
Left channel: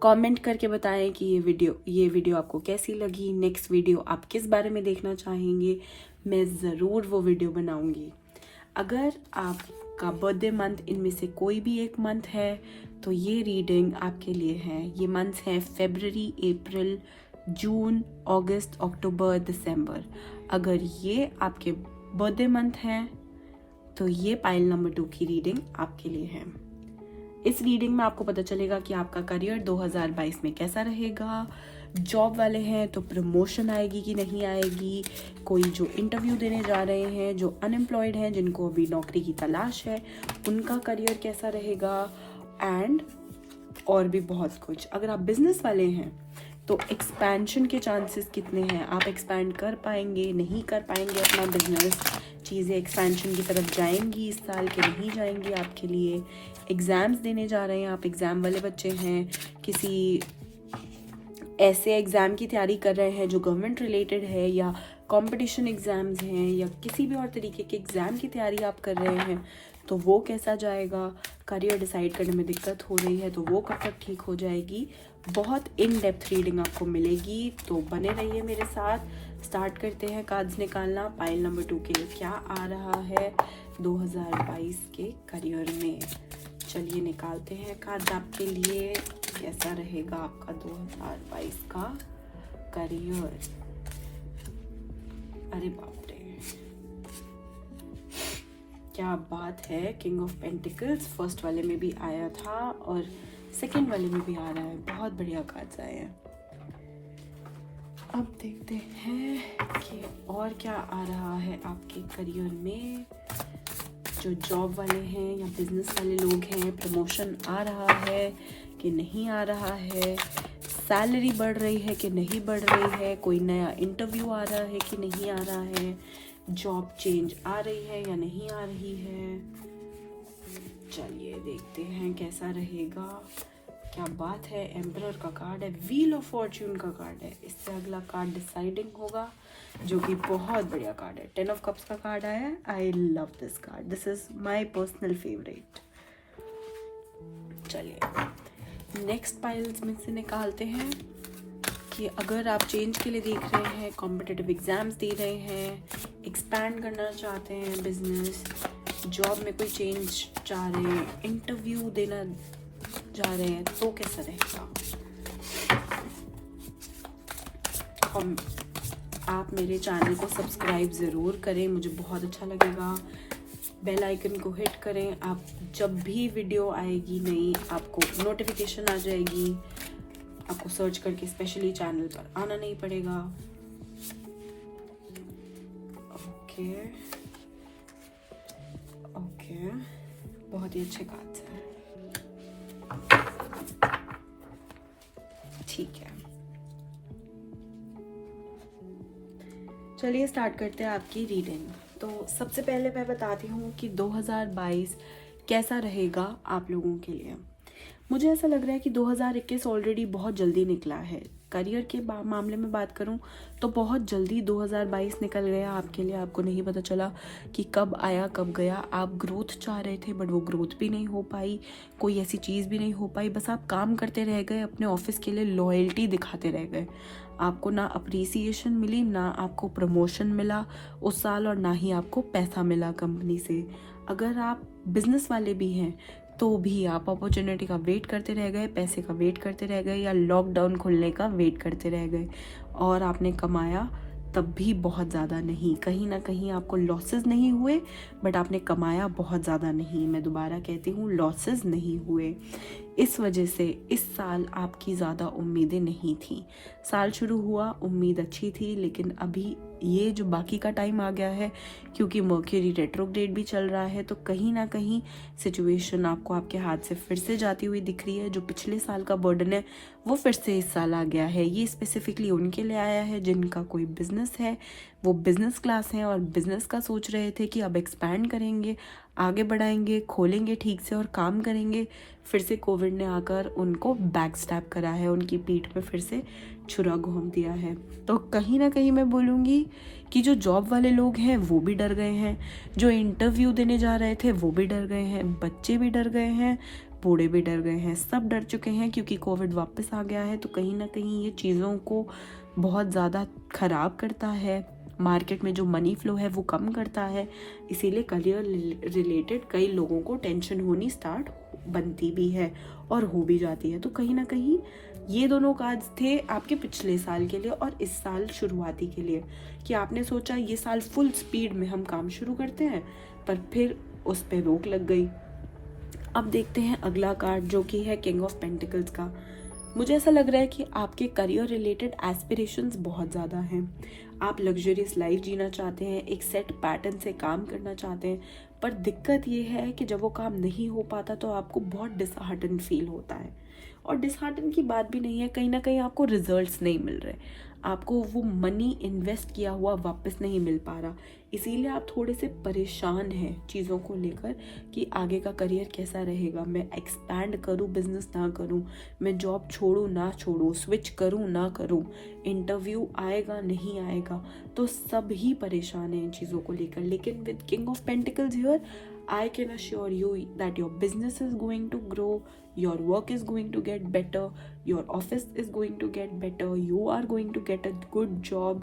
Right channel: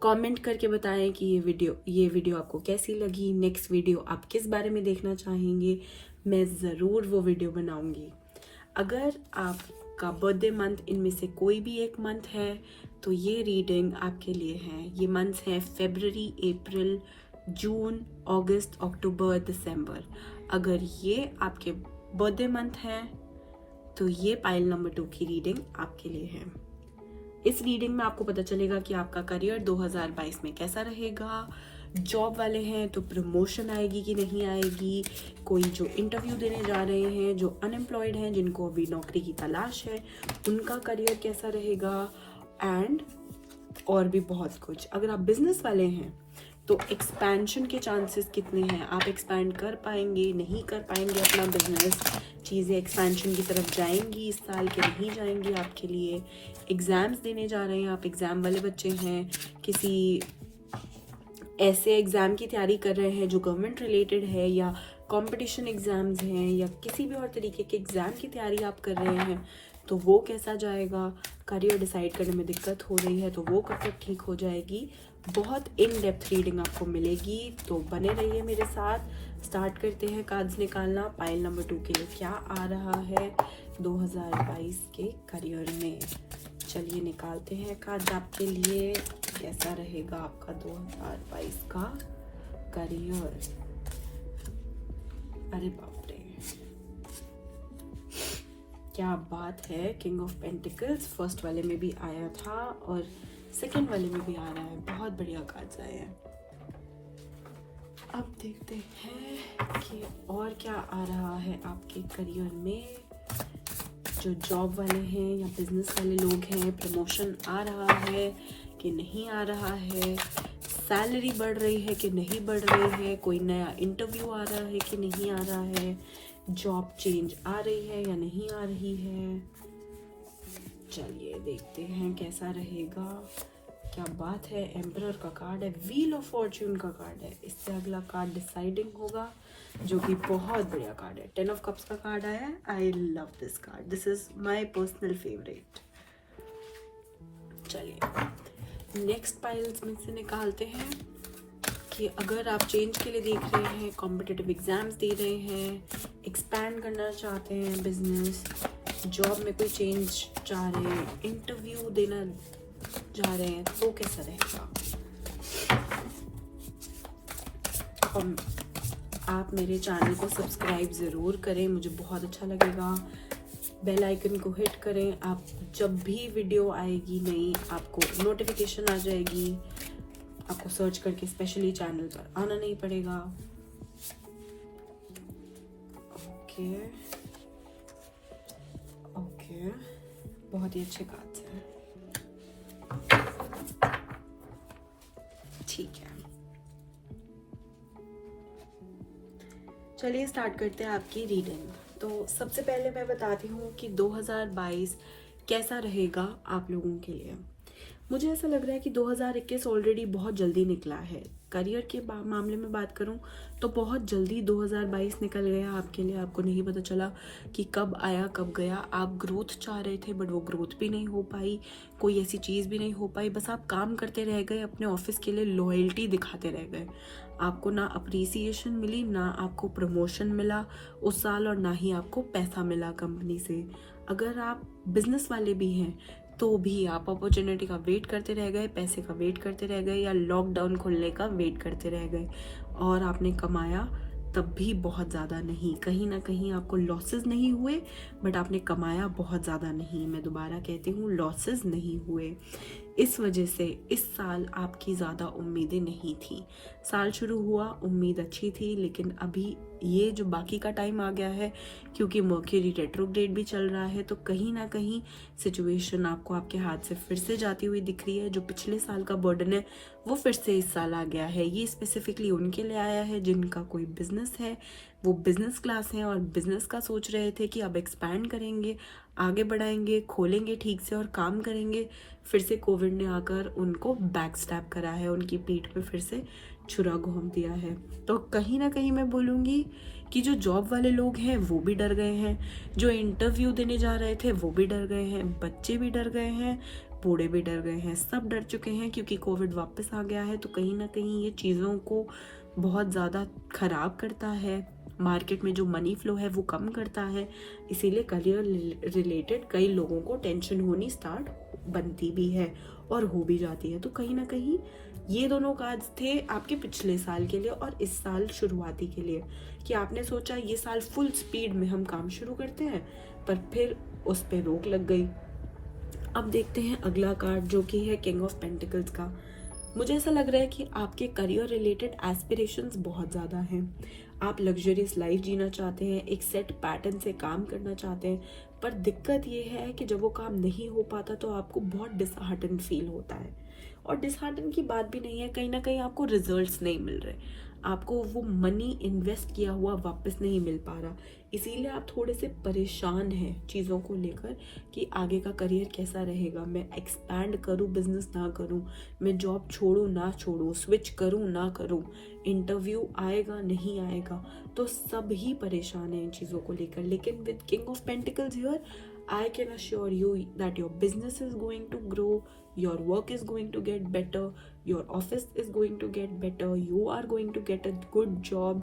कमेंट करके बताएं कि ये वीडियो आपको कैसी लगी, नेक्स्ट वीडियो आप किस बारे में देखना चाहेंगे, मैं ज़रूर वो वीडियो बनाऊंगी। अगर आपका बर्थडे मंथ इनमें से कोई भी एक मंथ है तो ये रीडिंग आपके लिए है। ये मंथ्स हैं फरवरी, अप्रैल, जून, अगस्त, अक्टूबर, दिसंबर। अगर ये आपके बर्थडे मंथ हैं तो ये पाइल नंबर 2 की रीडिंग आपके लिए है। इस रीडिंग में आपको पता चलेगा कि आपका करियर 2022 में कैसा रहेगा। जॉब वाले हैं तो प्रमोशन आएगी कि नहीं आएगी, कोई जो इंटरव्यू देने जा रहे हैं, जो अनएम्प्लॉयड हैं, जिनको अभी नौकरी की तलाश है, उनका करियर कैसा रहेगा, एंड और भी बहुत कुछ। अगर आप बिजनेस वाले हैं तो एक्सपेंशन के चांसेस कितने हैं, आप एक्सपैंड कर पाएंगे, नहीं कर पाएंगे अपना बिजनेस, चीज़ें एक्सपेंशन की तरफ जाएंगी इस साल के नहीं जाएंगी आपके लिए। एग्ज़ाम्स देने जा रहे हैं, आप एग्ज़ाम वाले बच्चे हैं, किसी ऐसे एग्ज़ाम की तैयारी कर रहे हैं जो गवर्नमेंट रिलेटेड है, या कंपटीशन एग्ज़ाम्स हैं, या किसी भी और तरीके के एग्ज़ाम की तैयारी आप कर रहे हैं, तो वो कैसा जाएगा। करियर डिसाइड करने में दिक्कत हो रही है तो वो कब तक ठीक हो जाएगी। बहुत इन डेप्थ रीडिंग आपको मिलेगी, तो बने रहिए मेरे साथ। स्टार्ट करते हैं कार्ड्स निकालना। पाइल नंबर 2 के लिए क्या आ रहा है 2022 के करियर में। चलिए निकालते हैं कार्ड्स आपके लिए, कैसा रहेगा आपका 2022 का करियर। अरे बाप रे, क्या बात है। किंग ऑफ पेंटिकल्स फर्स्ट वाले में भी आया था और सेकंड वाले में भी आ रहा है, बहुत बढ़िया कार्ड्स आए हैं। अब देखते हैं कि और क्या आ रहा है आपके करियर में। जो जॉब वाले हैं या बिजनेस वाले लोग हैं, प्रमोशन आ रहा है कि नहीं आ रहा है, सैलरी बढ़ रही है कि नहीं बढ़ रही है, कोई नया इंटरव्यू आ रहा है कि नहीं आ रहा है, जॉब चेंज आ रही है या नहीं आ रही है। चलिए देखते हैं कैसा रहेगा। क्या बात है, एम्परर का कार्ड है, व्हील ऑफ फॉर्च्यून का कार्ड है। इससे अगला कार्ड डिसाइडिंग होगा, जो कि बहुत बढ़िया कार्ड है। 10 ऑफ कप्स का कार्ड आया है। I love this card, this is my personal favourite. चलिए नेक्स्ट पाइल्स में से निकालते हैं कि अगर आप चेंज के लिए देख रहे हैं, कॉम्पिटिटिव एग्जाम्स दे रहे हैं, एक्सपैंड करना चाहते हैं बिजनेस, जॉब में कोई चेंज चाह रहे हैं, इंटरव्यू देना जा रहे हैं, तो कैसा रहेगा। आप मेरे चैनल को सब्सक्राइब ज़रूर करें, मुझे बहुत अच्छा लगेगा। बेल आइकन को हिट करें, आप जब भी वीडियो आएगी नई आपको नोटिफिकेशन आ जाएगी। आपको सर्च करके स्पेशली चैनल पर आना नहीं पड़ेगा। ओके ओके, बहुत ही अच्छे कार्ड्स हैं। ठीक है, चलिए स्टार्ट करते हैं आपकी रीडिंग। तो सबसे पहले मैं बताती हूँ कि 2022 कैसा रहेगा आप लोगों के लिए। मुझे ऐसा लग रहा है कि 2021 ऑलरेडी बहुत जल्दी निकला है। करियर के मामले में बात करूं तो बहुत जल्दी 2022 निकल गया आपके लिए। आपको नहीं पता चला कि कब आया कब गया। आप ग्रोथ चाह रहे थे बट वो ग्रोथ भी नहीं हो पाई, कोई ऐसी चीज़ भी नहीं हो पाई। बस आप काम करते रह गए, अपने ऑफिस के लिए लॉयल्टी दिखाते रह गए। आपको ना अप्रिसिएशन मिली, ना आपको प्रमोशन मिला उस साल, और ना ही आपको पैसा मिला कंपनी से। अगर आप बिजनेस वाले भी हैं तो भी आप अपॉर्चुनिटी का वेट करते रह गए, पैसे का वेट करते रह गए, या लॉकडाउन खुलने का वेट करते रह गए। और आपने कमाया तब भी बहुत ज़्यादा नहीं। कहीं ना कहीं आपको लॉसेस नहीं हुए बट आपने कमाया बहुत ज़्यादा नहीं। मैं दोबारा कहती हूँ, लॉसेस नहीं हुए। इस वजह से इस साल आपकी ज़्यादा उम्मीदें नहीं थी। साल शुरू हुआ, उम्मीद अच्छी थी, लेकिन अभी ये जो बाकी का टाइम आ गया है, क्योंकि मर्क्यूरी रेट्रोग्रेड भी चल रहा है, तो कहीं ना कहीं सिचुएशन आपको आपके हाथ से फिर से जाती हुई दिख रही है। जो पिछले साल का बर्डन है वो फिर से इस साल आ गया है। ये स्पेसिफिकली उनके लिए आया है जिनका कोई बिजनेस है, वो बिजनेस क्लास हैं और बिजनेस का सोच रहे थे कि अब एक्सपैंड करेंगे, आगे बढ़ाएंगे, खोलेंगे ठीक से और काम करेंगे। फिर से कोविड ने आकर उनको बैक स्टैप करा है, उनकी पीठ पे फिर से छुरा घोंप दिया है। तो कहीं ना कहीं मैं बोलूँगी कि जो जॉब वाले लोग हैं वो भी डर गए हैं, जो इंटरव्यू देने जा रहे थे वो भी डर गए हैं, बच्चे भी डर गए हैं, बूढ़े भी डर गए हैं, सब डर चुके हैं क्योंकि कोविड वापस आ गया है। तो कहीं ना कहीं ये चीज़ों को बहुत ज़्यादा ख़राब करता है, मार्केट में जो मनी फ्लो है वो कम करता है। इसीलिए करियर रिलेटेड कई लोगों को टेंशन होनी स्टार्ट बनती भी है और हो भी जाती है। तो कहीं ना कहीं ये दोनों कार्ड्स थे आपके पिछले साल के लिए और इस साल शुरुआती के लिए, कि आपने सोचा ये साल फुल स्पीड में हम काम शुरू करते हैं, पर फिर उस पर रोक लग गई। अब देखते हैं अगला कार्ड जो कि है किंग ऑफ पेंटिकल्स का। मुझे ऐसा लग रहा है कि आपके करियर रिलेटेड एस्पिरेशंस बहुत ज़्यादा हैं। आप लग्जरियस लाइफ जीना चाहते हैं, एक सेट पैटर्न से काम करना चाहते हैं, पर दिक्कत ये है कि जब वो काम नहीं हो पाता तो आपको बहुत डिसहार्टन फील होता है। और डिसहार्टन की बात भी नहीं है, कहीं ना कहीं आपको रिजल्ट्स नहीं मिल रहे, आपको वो मनी इन्वेस्ट किया हुआ वापस नहीं मिल पा रहा। इसीलिए आप थोड़े से परेशान हैं चीज़ों को लेकर कि आगे का करियर कैसा रहेगा, मैं एक्सपैंड करूं बिजनेस ना करूं, मैं जॉब छोड़ूं ना छोड़ूं, स्विच करूं ना करूं, इंटरव्यू आएगा नहीं आएगा। तो सब ही परेशान हैं इन चीज़ों को लेकर। लेकिन with king of pentacles here, I can assure you that your business is going to grow, your work is going to get better, your office is going to get better, you are going to get a good job,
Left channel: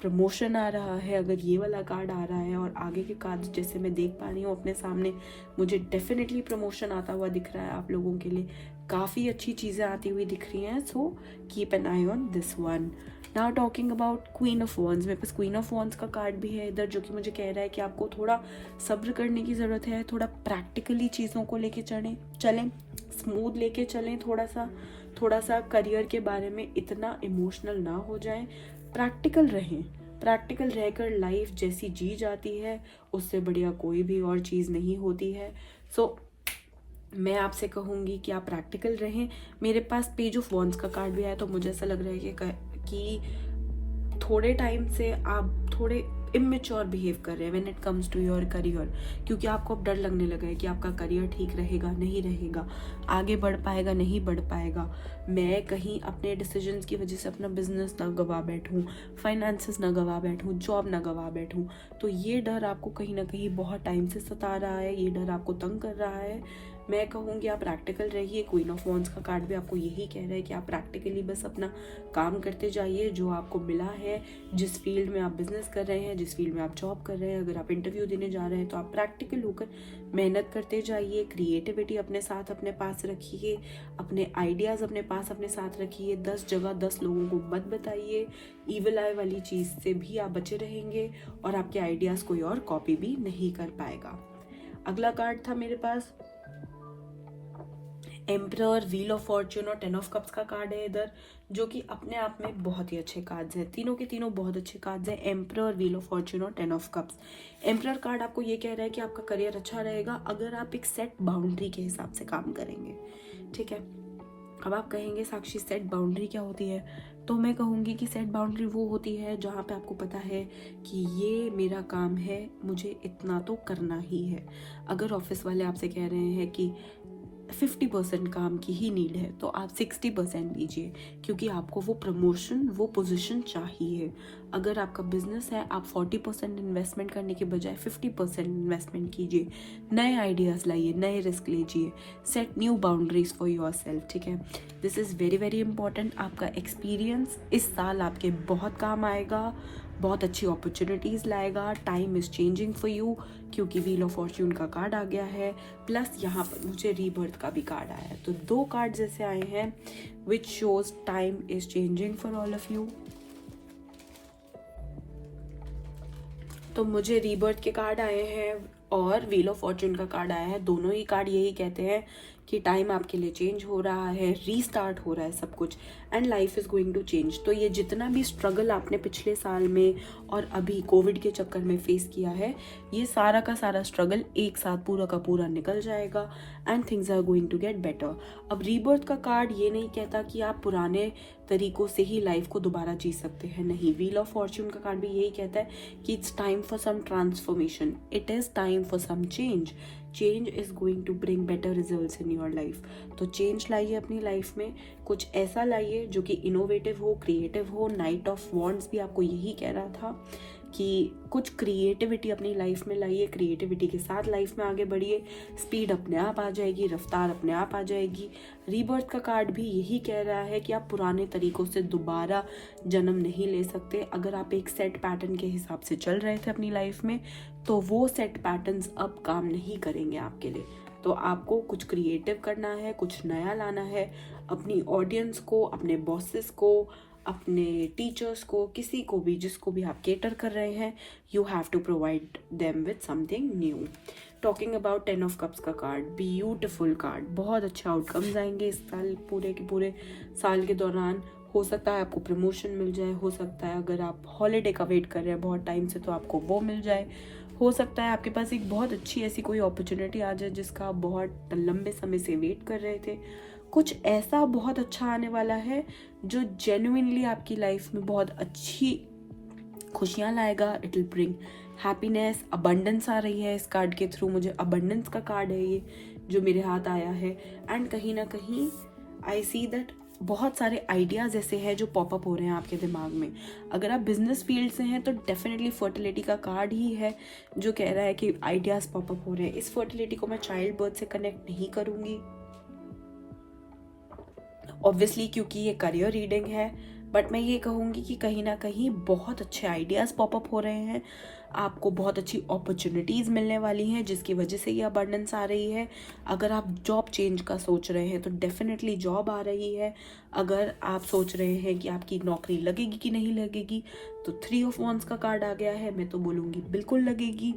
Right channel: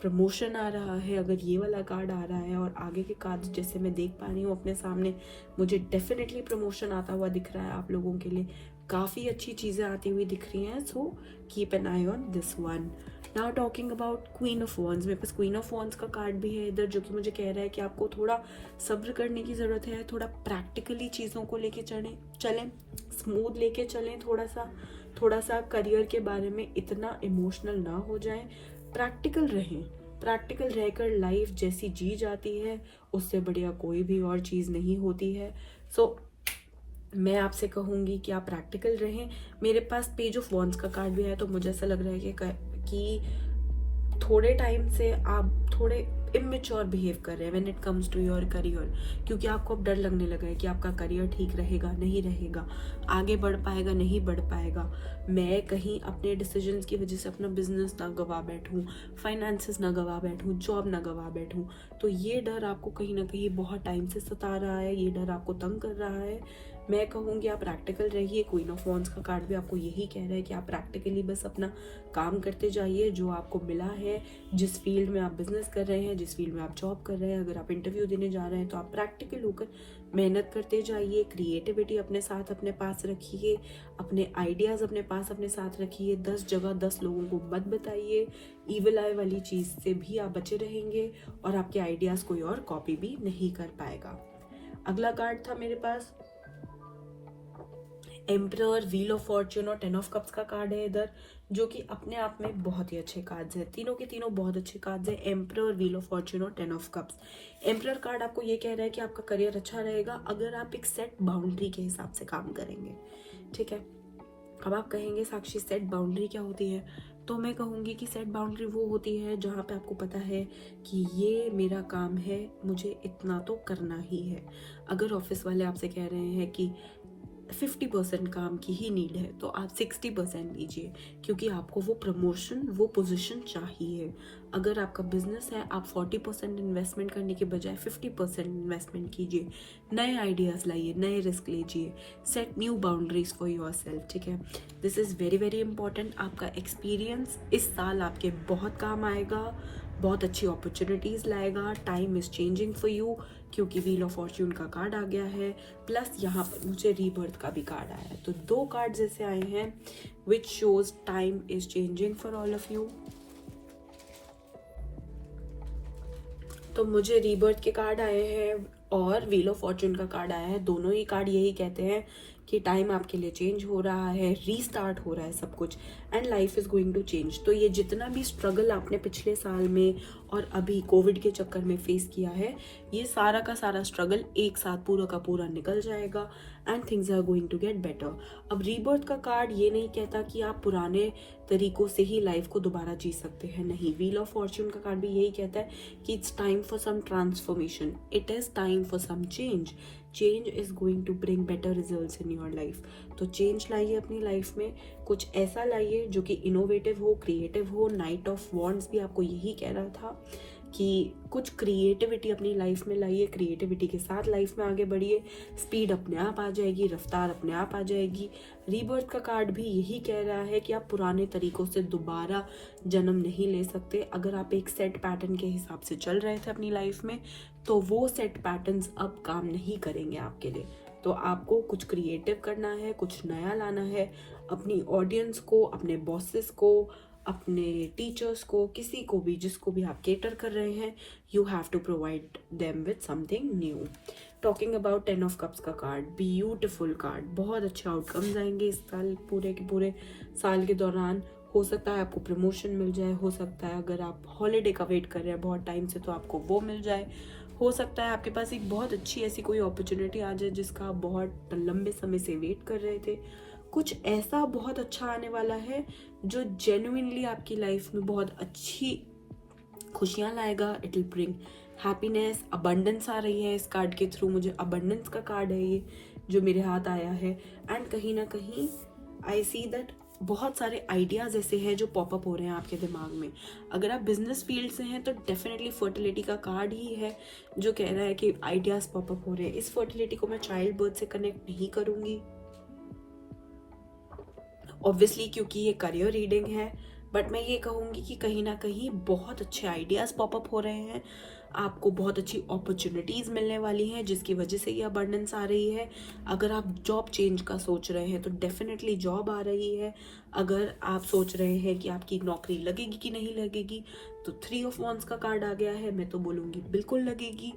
promotion आ रहा है अगर ये वाला card आ रहा है। और आगे के कार्ड जैसे मैं देख पा रही हूँ अपने सामने, मुझे डेफिनेटली प्रमोशन आता हुआ दिख रहा है। आप लोगों के लिए काफ़ी अच्छी चीज़ें आती हुई दिख रही हैं। So keep an I on this one. Now talking about queen of wands, मेरे पास क्वीन ऑफ वॉन्स का कार्ड भी है इधर, जो कि मुझे कह रहा है कि आपको थोड़ा सब्र करने की ज़रूरत है, थोड़ा प्रैक्टिकली चीज़ों को लेके चलें, स्मूथ लेके चलें, थोड़ा सा करियर के बारे में इतना इमोशनल ना हो जाएं। प्रैक्टिकल रहें। प्रैक्टिकल रहकर लाइफ जैसी जी जाती है उससे बढ़िया कोई भी और चीज़ नहीं होती है। सो मैं आपसे कहूँगी कि आप प्रैक्टिकल रहें। मेरे पास पेज ऑफ वॉन्ड्स का कार्ड भी आया तो मुझे ऐसा लग रहा है कि थोड़े टाइम से आप थोड़े इमेच्योर बिहेव कर रहे हैं when it comes to your career, क्योंकि आपको अब डर लगने लगा है कि आपका करियर ठीक रहेगा नहीं रहेगा, आगे बढ़ पाएगा नहीं बढ़ पाएगा, मैं कहीं अपने डिसीजंस की वजह से अपना बिजनेस ना गवा बैठूं, फाइनेंसेस ना गवा बैठूं, जॉब ना गवा बैठूं। तो ये डर आपको कहीं ना कहीं बहुत टाइम से सता रहा है, ये डर आपको तंग कर रहा है। मैं कहूँगी आप प्रैक्टिकल रहिए। क्वीन ऑफ वॉन्ड्स का कार्ड भी आपको यही कह रहा है कि आप प्रैक्टिकली बस अपना काम करते जाइए जो आपको मिला है, जिस फील्ड में आप बिजनेस कर रहे हैं, जिस फील्ड में आप जॉब कर रहे हैं, अगर आप इंटरव्यू देने जा रहे हैं तो आप प्रैक्टिकल होकर मेहनत करते जाइए। क्रिएटिविटी अपने साथ अपने पास रखिए, अपने आइडियाज़ अपने पास अपने साथ रखिए। 10 जगह 10 लोगों को मत बताइए। ईविल आई वाली चीज़ से भी आप बचे रहेंगे और आपके आइडियाज़ कोई और कॉपी भी नहीं कर पाएगा। अगला कार्ड था मेरे पास एम्परर, व्हील ऑफ फॉर्च्यून और 10 ऑफ कप्स का कार्ड है इधर, जो कि अपने आप में बहुत ही अच्छे कार्ड्स हैं। तीनों के तीनों बहुत अच्छे कार्ड्स हैं, एम्परर, व्हील ऑफ फॉर्च्यून और 10 ऑफ कप्स। एम्परर कार्ड आपको ये कह रहा है कि आपका करियर अच्छा रहेगा अगर आप एक सेट बाउंड्री के हिसाब से काम करेंगे। ठीक है, अब आप कहेंगे साक्षी सेट बाउंड्री क्या होती है? तो मैं कहूँगी कि सेट बाउंड्री वो होती है जहाँ पे आपको पता है कि ये मेरा काम है, मुझे इतना तो करना ही है। अगर ऑफिस वाले आपसे कह रहे हैं कि 50% काम की ही नीड है तो आप 60% लीजिए, क्योंकि आपको वो प्रमोशन, वो पोजीशन चाहिए। अगर आपका बिजनेस है, आप 40% इन्वेस्टमेंट करने के बजाय 50% इन्वेस्टमेंट कीजिए, नए आइडियाज़ लाइए, नए रिस्क लीजिए, set new boundaries for your self. ठीक है, this is very very important. आपका एक्सपीरियंस इस साल आपके बहुत काम आएगा, बहुत अच्छी अपॉर्चुनिटीज़ लाएगा। Time is changing for you, क्योंकि व्हील ऑफ फॉर्च्यून का कार्ड आ गया है, प्लस यहाँ पर मुझे रीबर्थ का भी कार्ड आया है। तो 2 कार्ड जैसे आए हैं which shows time is changing for all of you. तो मुझे रीबर्थ के कार्ड आए हैं और व्हील ऑफ फॉर्च्यून का कार्ड आया है। दोनों ही कार्ड यही कहते हैं कि टाइम आपके लिए चेंज हो रहा है, रीस्टार्ट हो रहा है सब कुछ, and life is going to change. तो ये जितना भी स्ट्रगल आपने पिछले साल में और अभी कोविड के चक्कर में फेस किया है, ये सारा का सारा स्ट्रगल एक साथ पूरा का पूरा निकल जाएगा and things are going to get better. अब रीबर्थ का कार्ड ये नहीं कहता कि आप पुराने तरीकों से ही लाइफ को दोबारा जी सकते हैं, नहीं। व्हील ऑफ फॉर्च्यून का कार्ड भी यही कहता है कि it's time for some transformation, it is time for some change, change is going to bring better results in your life. तो चेंज लाइए अपनी लाइफ में, कुछ ऐसा लाइए जो कि इनोवेटिव हो, क्रिएटिव हो। नाइट ऑफ वॉन्ड्स भी आपको यही कह रहा था कि कुछ क्रिएटिविटी अपनी लाइफ में लाइए, क्रिएटिविटी के साथ लाइफ में आगे बढ़िए, स्पीड अपने आप आ जाएगी, रफ्तार अपने आप आ जाएगी। रीबर्थ का कार्ड भी यही कह रहा है कि आप पुराने तरीकों से दोबारा जन्म नहीं ले सकते। अगर आप एक सेट पैटर्न के हिसाब से चल रहे थे अपनी लाइफ में, तो वो सेट पैटर्न्स अब काम नहीं करेंगे आपके लिए। तो आपको कुछ क्रिएटिव करना है, कुछ नया लाना है। अपनी ऑडियंस को, अपने बॉसेस को, अपने टीचर्स को, किसी को भी, जिसको भी आप केटर कर रहे हैं, you have to provide them with something new. Talking about 10 of cups का कार्ड, ब्यूटिफुल कार्ड, बहुत अच्छे आउटकम्स आएंगे इस साल, पूरे के पूरे साल के दौरान। हो सकता है आपको प्रमोशन मिल जाए, हो सकता है अगर आप हॉलीडे का वेट कर रहे हैं बहुत टाइम से तो आपको वो मिल जाए, हो सकता है आपके पास एक बहुत अच्छी ऐसी कोई अपॉर्चुनिटी आ जाए जिसका आप बहुत लंबे समय से वेट कर रहे थे। कुछ ऐसा बहुत अच्छा आने वाला है जो जेन्युइनली आपकी लाइफ में बहुत अच्छी खुशियां लाएगा। It will bring happiness, abundance आ रही है इस कार्ड के थ्रू। मुझे अबंडेंस का कार्ड है ये जो मेरे हाथ आया है, एंड कहीं ना कहीं आई सी दैट बहुत सारे आइडियाज ऐसे हैं जो पॉपअप हो रहे हैं आपके दिमाग में। अगर आप बिजनेस फील्ड से हैं तो डेफिनेटली फर्टिलिटी का कार्ड ही है जो कह रहा है कि आइडियाज पॉपअप हो रहे हैं। इस फर्टिलिटी को मैं चाइल्ड बर्थ से कनेक्ट नहीं करूंगी ऑब्वियसली, क्योंकि ये करियर रीडिंग है, बट मैं ये कहूँगी कि कहीं ना कहीं बहुत अच्छे आइडियाज़ पॉपअप हो रहे हैं, आपको बहुत अच्छी अपॉर्चुनिटीज़ मिलने वाली हैं जिसकी वजह से ये अबंडेंस आ रही है। अगर आप जॉब चेंज का सोच रहे हैं तो डेफिनेटली जॉब आ रही है। अगर आप सोच रहे हैं कि आपकी नौकरी लगेगी कि नहीं लगेगी, तो 3 ऑफ वॉन्ड्स का कार्ड आ गया है, मैं तो बोलूँगी बिल्कुल लगेगी।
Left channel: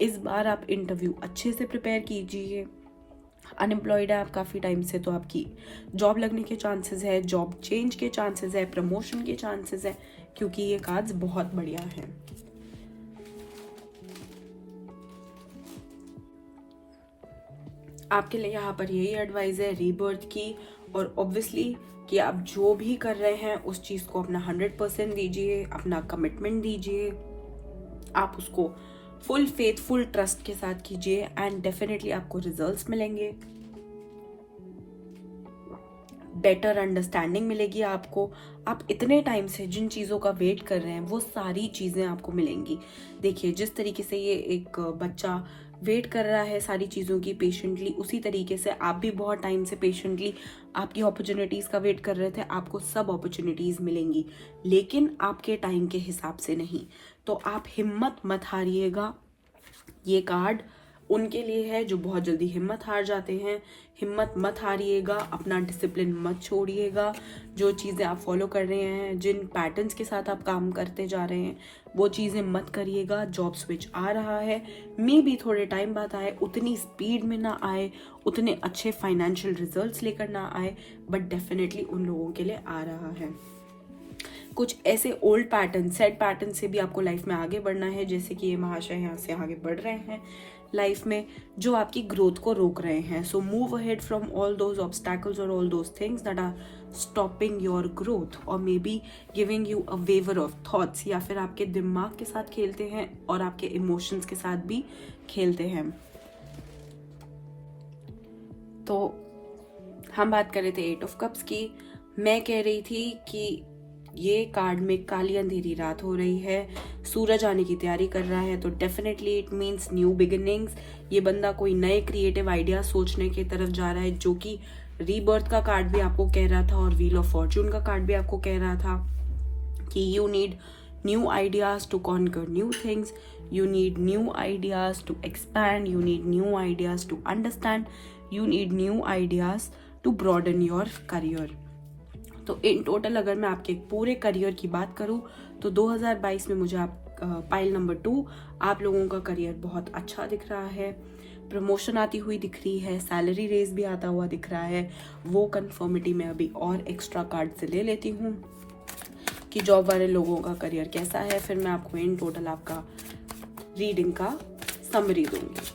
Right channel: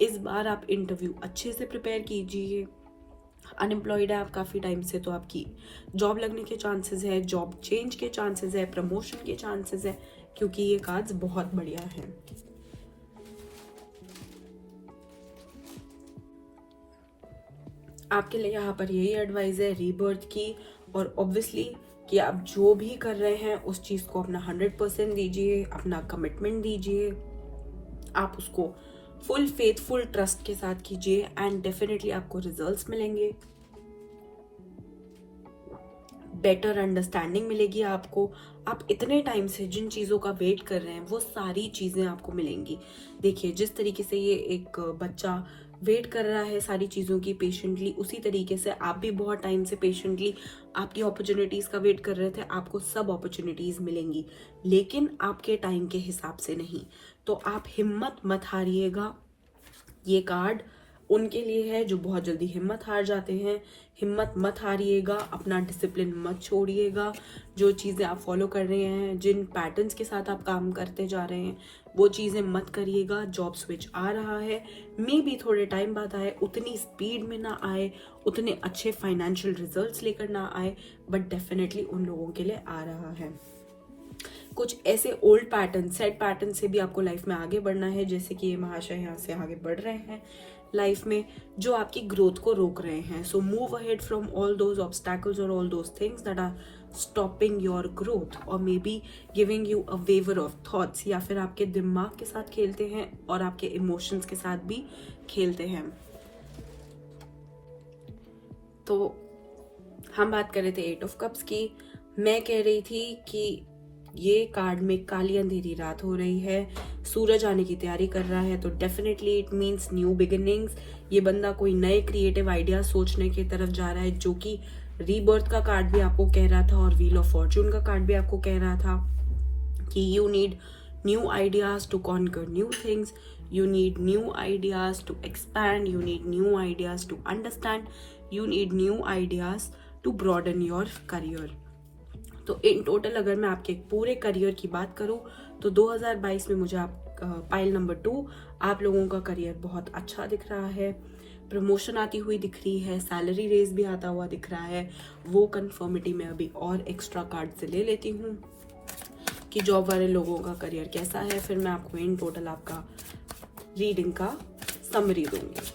इस बार आप इंटरव्यू अच्छे से प्रिपेयर कीजिए, अनएम्प्लॉयड है आप काफ़ी टाइम से, तो आपकी जॉब लगने के चांसेस है, जॉब चेंज के चांसेस है, प्रमोशन के चांसेस है, क्योंकि ये कार्ड्स बहुत बढ़िया हैं। आपके लिए यहाँ पर यही एडवाइस है रीबर्थ की, और ऑब्वियसली कि आप जो भी कर रहे हैं उस चीज़ को अपना 100% दीजिए, अपना कमिटमेंट दीजिए, आप उसको फुल फेथ फुल ट्रस्ट के साथ कीजिए एंड डेफिनेटली आपको रिजल्ट्स मिलेंगे, बेटर अंडरस्टैंडिंग मिलेगी आपको। आप इतने टाइम से जिन चीज़ों का वेट कर रहे हैं वो सारी चीज़ें आपको मिलेंगी। देखिए जिस तरीके से ये एक बच्चा वेट कर रहा है सारी चीज़ों की पेशेंटली, उसी तरीके से आप भी बहुत टाइम से पेशेंटली आपकी अपॉर्चुनिटीज़ का वेट कर रहे थे। आपको सब अपॉर्चुनिटीज़ मिलेंगी, लेकिन आपके टाइम के हिसाब से नहीं। तो आप हिम्मत मत हारिएगा। ये कार्ड उनके लिए है जो बहुत जल्दी हिम्मत हार जाते हैं। हिम्मत मत हारिएगा, अपना डिसिप्लिन मत छोड़िएगा। जो चीज़ें आप फॉलो कर रहे हैं, जिन पैटर्न्स के साथ आप काम करते जा रहे हैं, वो चीज़ें मत करिएगा। जॉब स्विच आ रहा है, मे बी थोड़े टाइम बाद आए, उतनी स्पीड में ना आए, उतने अच्छे फाइनेंशियल रिजल्ट्स लेकर ना आए, बट डेफिनेटली उन लोगों के लिए आ रहा है। कुछ ऐसे ओल्ड पैटर्न, सेट पैटर्न से भी आपको लाइफ में आगे बढ़ना है, जैसे कि ये महाशय यहाँ से आगे बढ़ रहे हैं लाइफ में, जो आपकी ग्रोथ को रोक रहे हैं। So move ahead from all those obstacles और all those things that are stopping your growth, और maybe giving you a waver of thoughts, या फिर आपके दिमाग के साथ खेलते हैं और आपके इमोशंस के साथ भी खेलते हैं। तो हम बात कर रहे थे 8 ऑफ कप्स की। मैं कह रही थी कि ये कार्ड में काली अंधेरी रात हो रही है, सूरज आने की तैयारी कर रहा है, तो definitely it means new beginnings. ये बंदा कोई नए क्रिएटिव आइडिया सोचने की तरफ जा रहा है, जो कि रीबर्थ का कार्ड भी आपको कह रहा था और व्हील ऑफ फॉर्चून का कार्ड भी आपको कह रहा था कि you need new ideas to conquer new things, you need new ideas to expand, you need new ideas to understand, you need new ideas to broaden your career। तो in total अगर मैं आपके पूरे करियर की बात करूं तो 2022 में मुझे आप पाइल नंबर 2 आप लोगों का करियर बहुत अच्छा दिख रहा है। प्रमोशन आती हुई दिख रही है, सैलरी रेज भी आता हुआ दिख रहा है। वो कंफर्मिटी में अभी और एक्स्ट्रा कार्ड से ले लेती हूँ कि जॉब वाले लोगों का करियर कैसा है, फिर मैं आपको इन टोटल आपका रीडिंग का समरी दूंगी।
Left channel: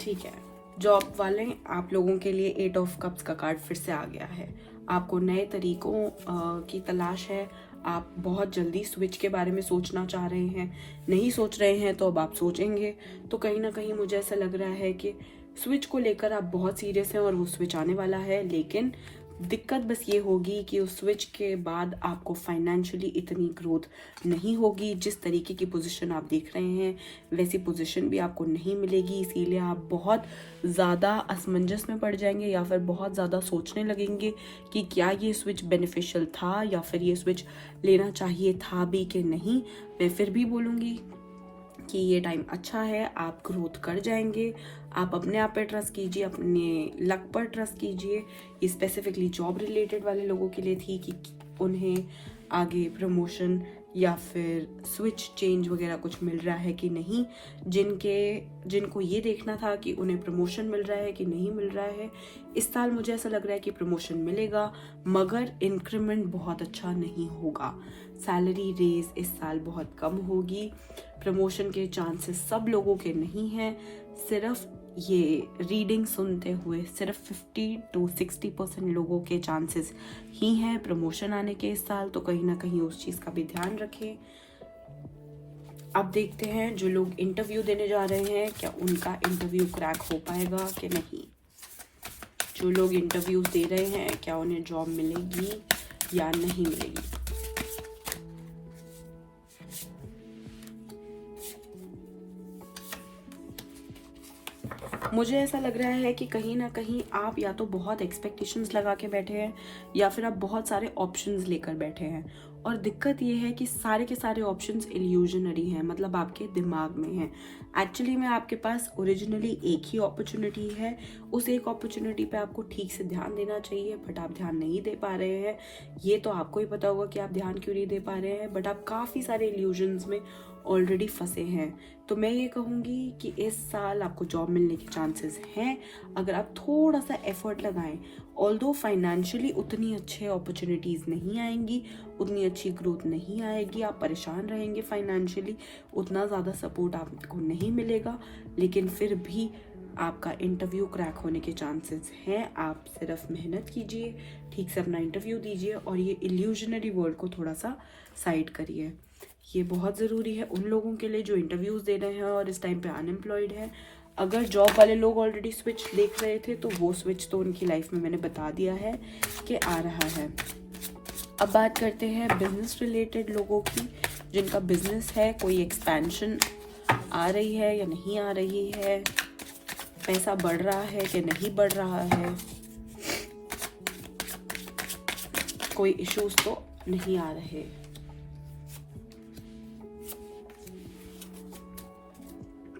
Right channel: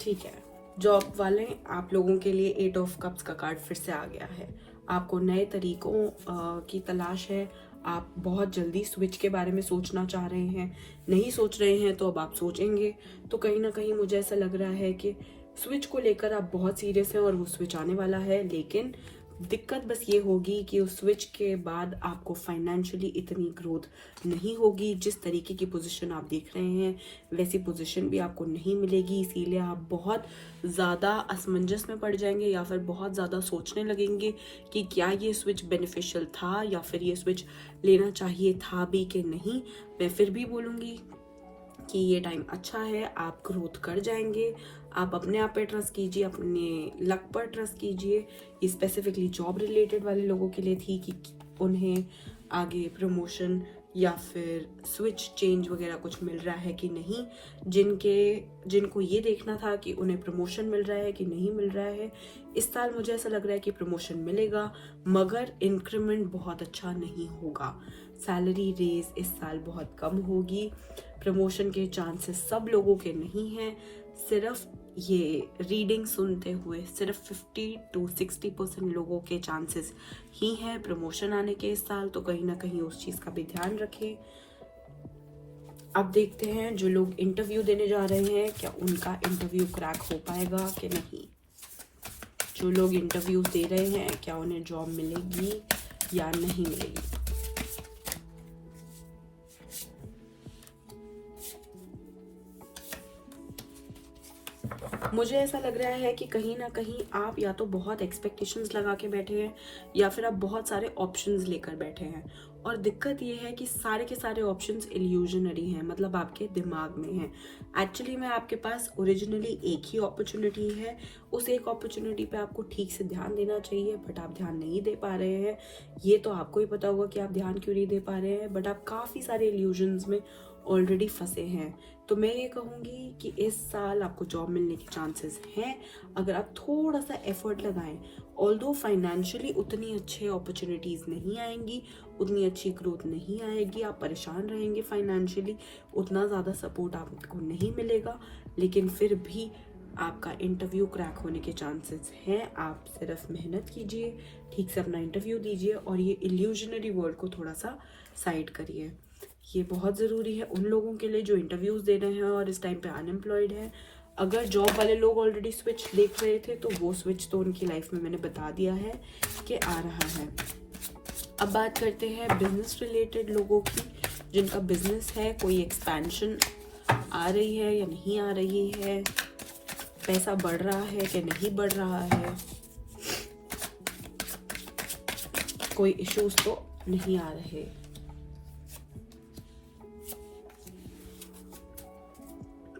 ठीक है, जॉब वाले आप लोगों के लिए 8 ऑफ कप्स का कार्ड फिर से आ गया है। आपको नए तरीकों की तलाश है, आप बहुत जल्दी स्विच के बारे में सोचना चाह रहे हैं, नहीं सोच रहे हैं तो अब आप सोचेंगे। तो कहीं ना कहीं मुझे ऐसा लग रहा है कि स्विच को लेकर आप बहुत सीरियस हैं और वो स्विच आने वाला है, लेकिन दिक्कत बस ये होगी कि उस स्विच के बाद आपको फाइनेंशियली इतनी ग्रोथ नहीं होगी। जिस तरीके की पोजीशन आप देख रहे हैं वैसी पोजीशन भी आपको नहीं मिलेगी, इसीलिए आप बहुत ज़्यादा असमंजस में पड़ जाएंगे या फिर बहुत ज़्यादा सोचने लगेंगे कि क्या ये स्विच बेनिफिशियल था या फिर ये स्विच लेना चाहिए था भी कि नहीं। मैं फिर भी बोलूँगी कि ये टाइम अच्छा है, आप ग्रोथ कर जाएंगे। आप अपने आप पे ट्रस्ट कीजिए, अपने लक पर ट्रस्ट कीजिए। ये स्पेसिफिकली जॉब रिलेटेड वाले लोगों के लिए थी कि उन्हें आगे प्रमोशन या फिर स्विच चेंज वगैरह कुछ मिल रहा है कि नहीं। जिनको ये देखना था कि उन्हें प्रमोशन मिल रहा है कि नहीं मिल रहा है, इस साल मुझे ऐसा लग रहा है कि प्रमोशन मिलेगा, मगर इंक्रीमेंट बहुत अच्छा नहीं होगा। सैलरी रेज इस साल बहुत कम होगी। प्रमोशन के चांसेस सब लोगों के नहीं हैं। सिर्फ ये रीडिंग सुनते हुए सिर्फ 50 to 60% लोगों के चांसेस ही हैं प्रमोशन आने के इस साल। तो कहीं ना कहीं उस चीज का भी ध्यान रखें। अब देखते हैं जो लोग इंटरव्यू देने जा रहे हैं क्या उनका इंटरव्यू क्रैक हो पाएगा कि नहीं। जो लोग इंटरव्यू दे रहे हैं क्या उन्हें जॉब मिलेगी या नहीं मिलेगी। मुझे ऐसा लग रहा है कि कहीं ना कहीं आप या तो बहुत एक्सपेक्टेशंस लगा के बैठे हैं या फिर आप बहुत सारे ऑप्शंस लेकर बैठे हैं, और दिक्कत ये है कि सारे के सारे ऑप्शंस इल्यूजनरी हैं, मतलब आपके दिमाग में हैं। एक्चुअली में आपके पास ओरिजिनली एक ही अपॉर्चुनिटी है, उस एक अपॉर्चुनिटी पे आपको ठीक से ध्यान देना चाहिए, बट आप ध्यान नहीं दे पा रहे हैं। ये तो आपको ही पता होगा कि आप ध्यान क्यों नहीं दे पा रहे हैं, बट आप काफ़ी सारे इल्यूजन्स में ऑलरेडी फंसे हैं, तो मैं ये कहूँगी कि इस साल आपको जॉब मिलने के चांसेस हैं अगर आप थोड़ा सा एफर्ट लगाएं। ऑल्दो फाइनेंशियली उतनी अच्छे अपॉर्चुनिटीज़ नहीं आएंगी, उतनी अच्छी ग्रोथ नहीं आएगी, आप परेशान रहेंगे फाइनेंशियली, उतना ज़्यादा सपोर्ट आपको नहीं मिलेगा, लेकिन फिर भी आपका इंटरव्यू क्रैक होने के चांसेस हैं। आप सिर्फ मेहनत कीजिए, ठीक से अपना इंटरव्यू दीजिए और ये इल्यूजनरी वर्ल्ड को थोड़ा सा साइड करिए। ये बहुत ज़रूरी है उन लोगों के लिए जो इंटरव्यूज़ दे रहे हैं और इस टाइम पे अनएम्प्लॉयड है। अगर जॉब वाले लोग ऑलरेडी स्विच देख रहे थे तो वो स्विच तो उनकी लाइफ में मैंने बता दिया है कि आ रहा है। अब बात करते हैं बिजनेस रिलेटेड लोगों की, जिनका बिजनेस है, कोई एक्सपेंशन आ रही है या नहीं आ रही है, पैसा बढ़ रहा है कि नहीं बढ़ रहा है, कोई इश्यूज तो नहीं आ रहे।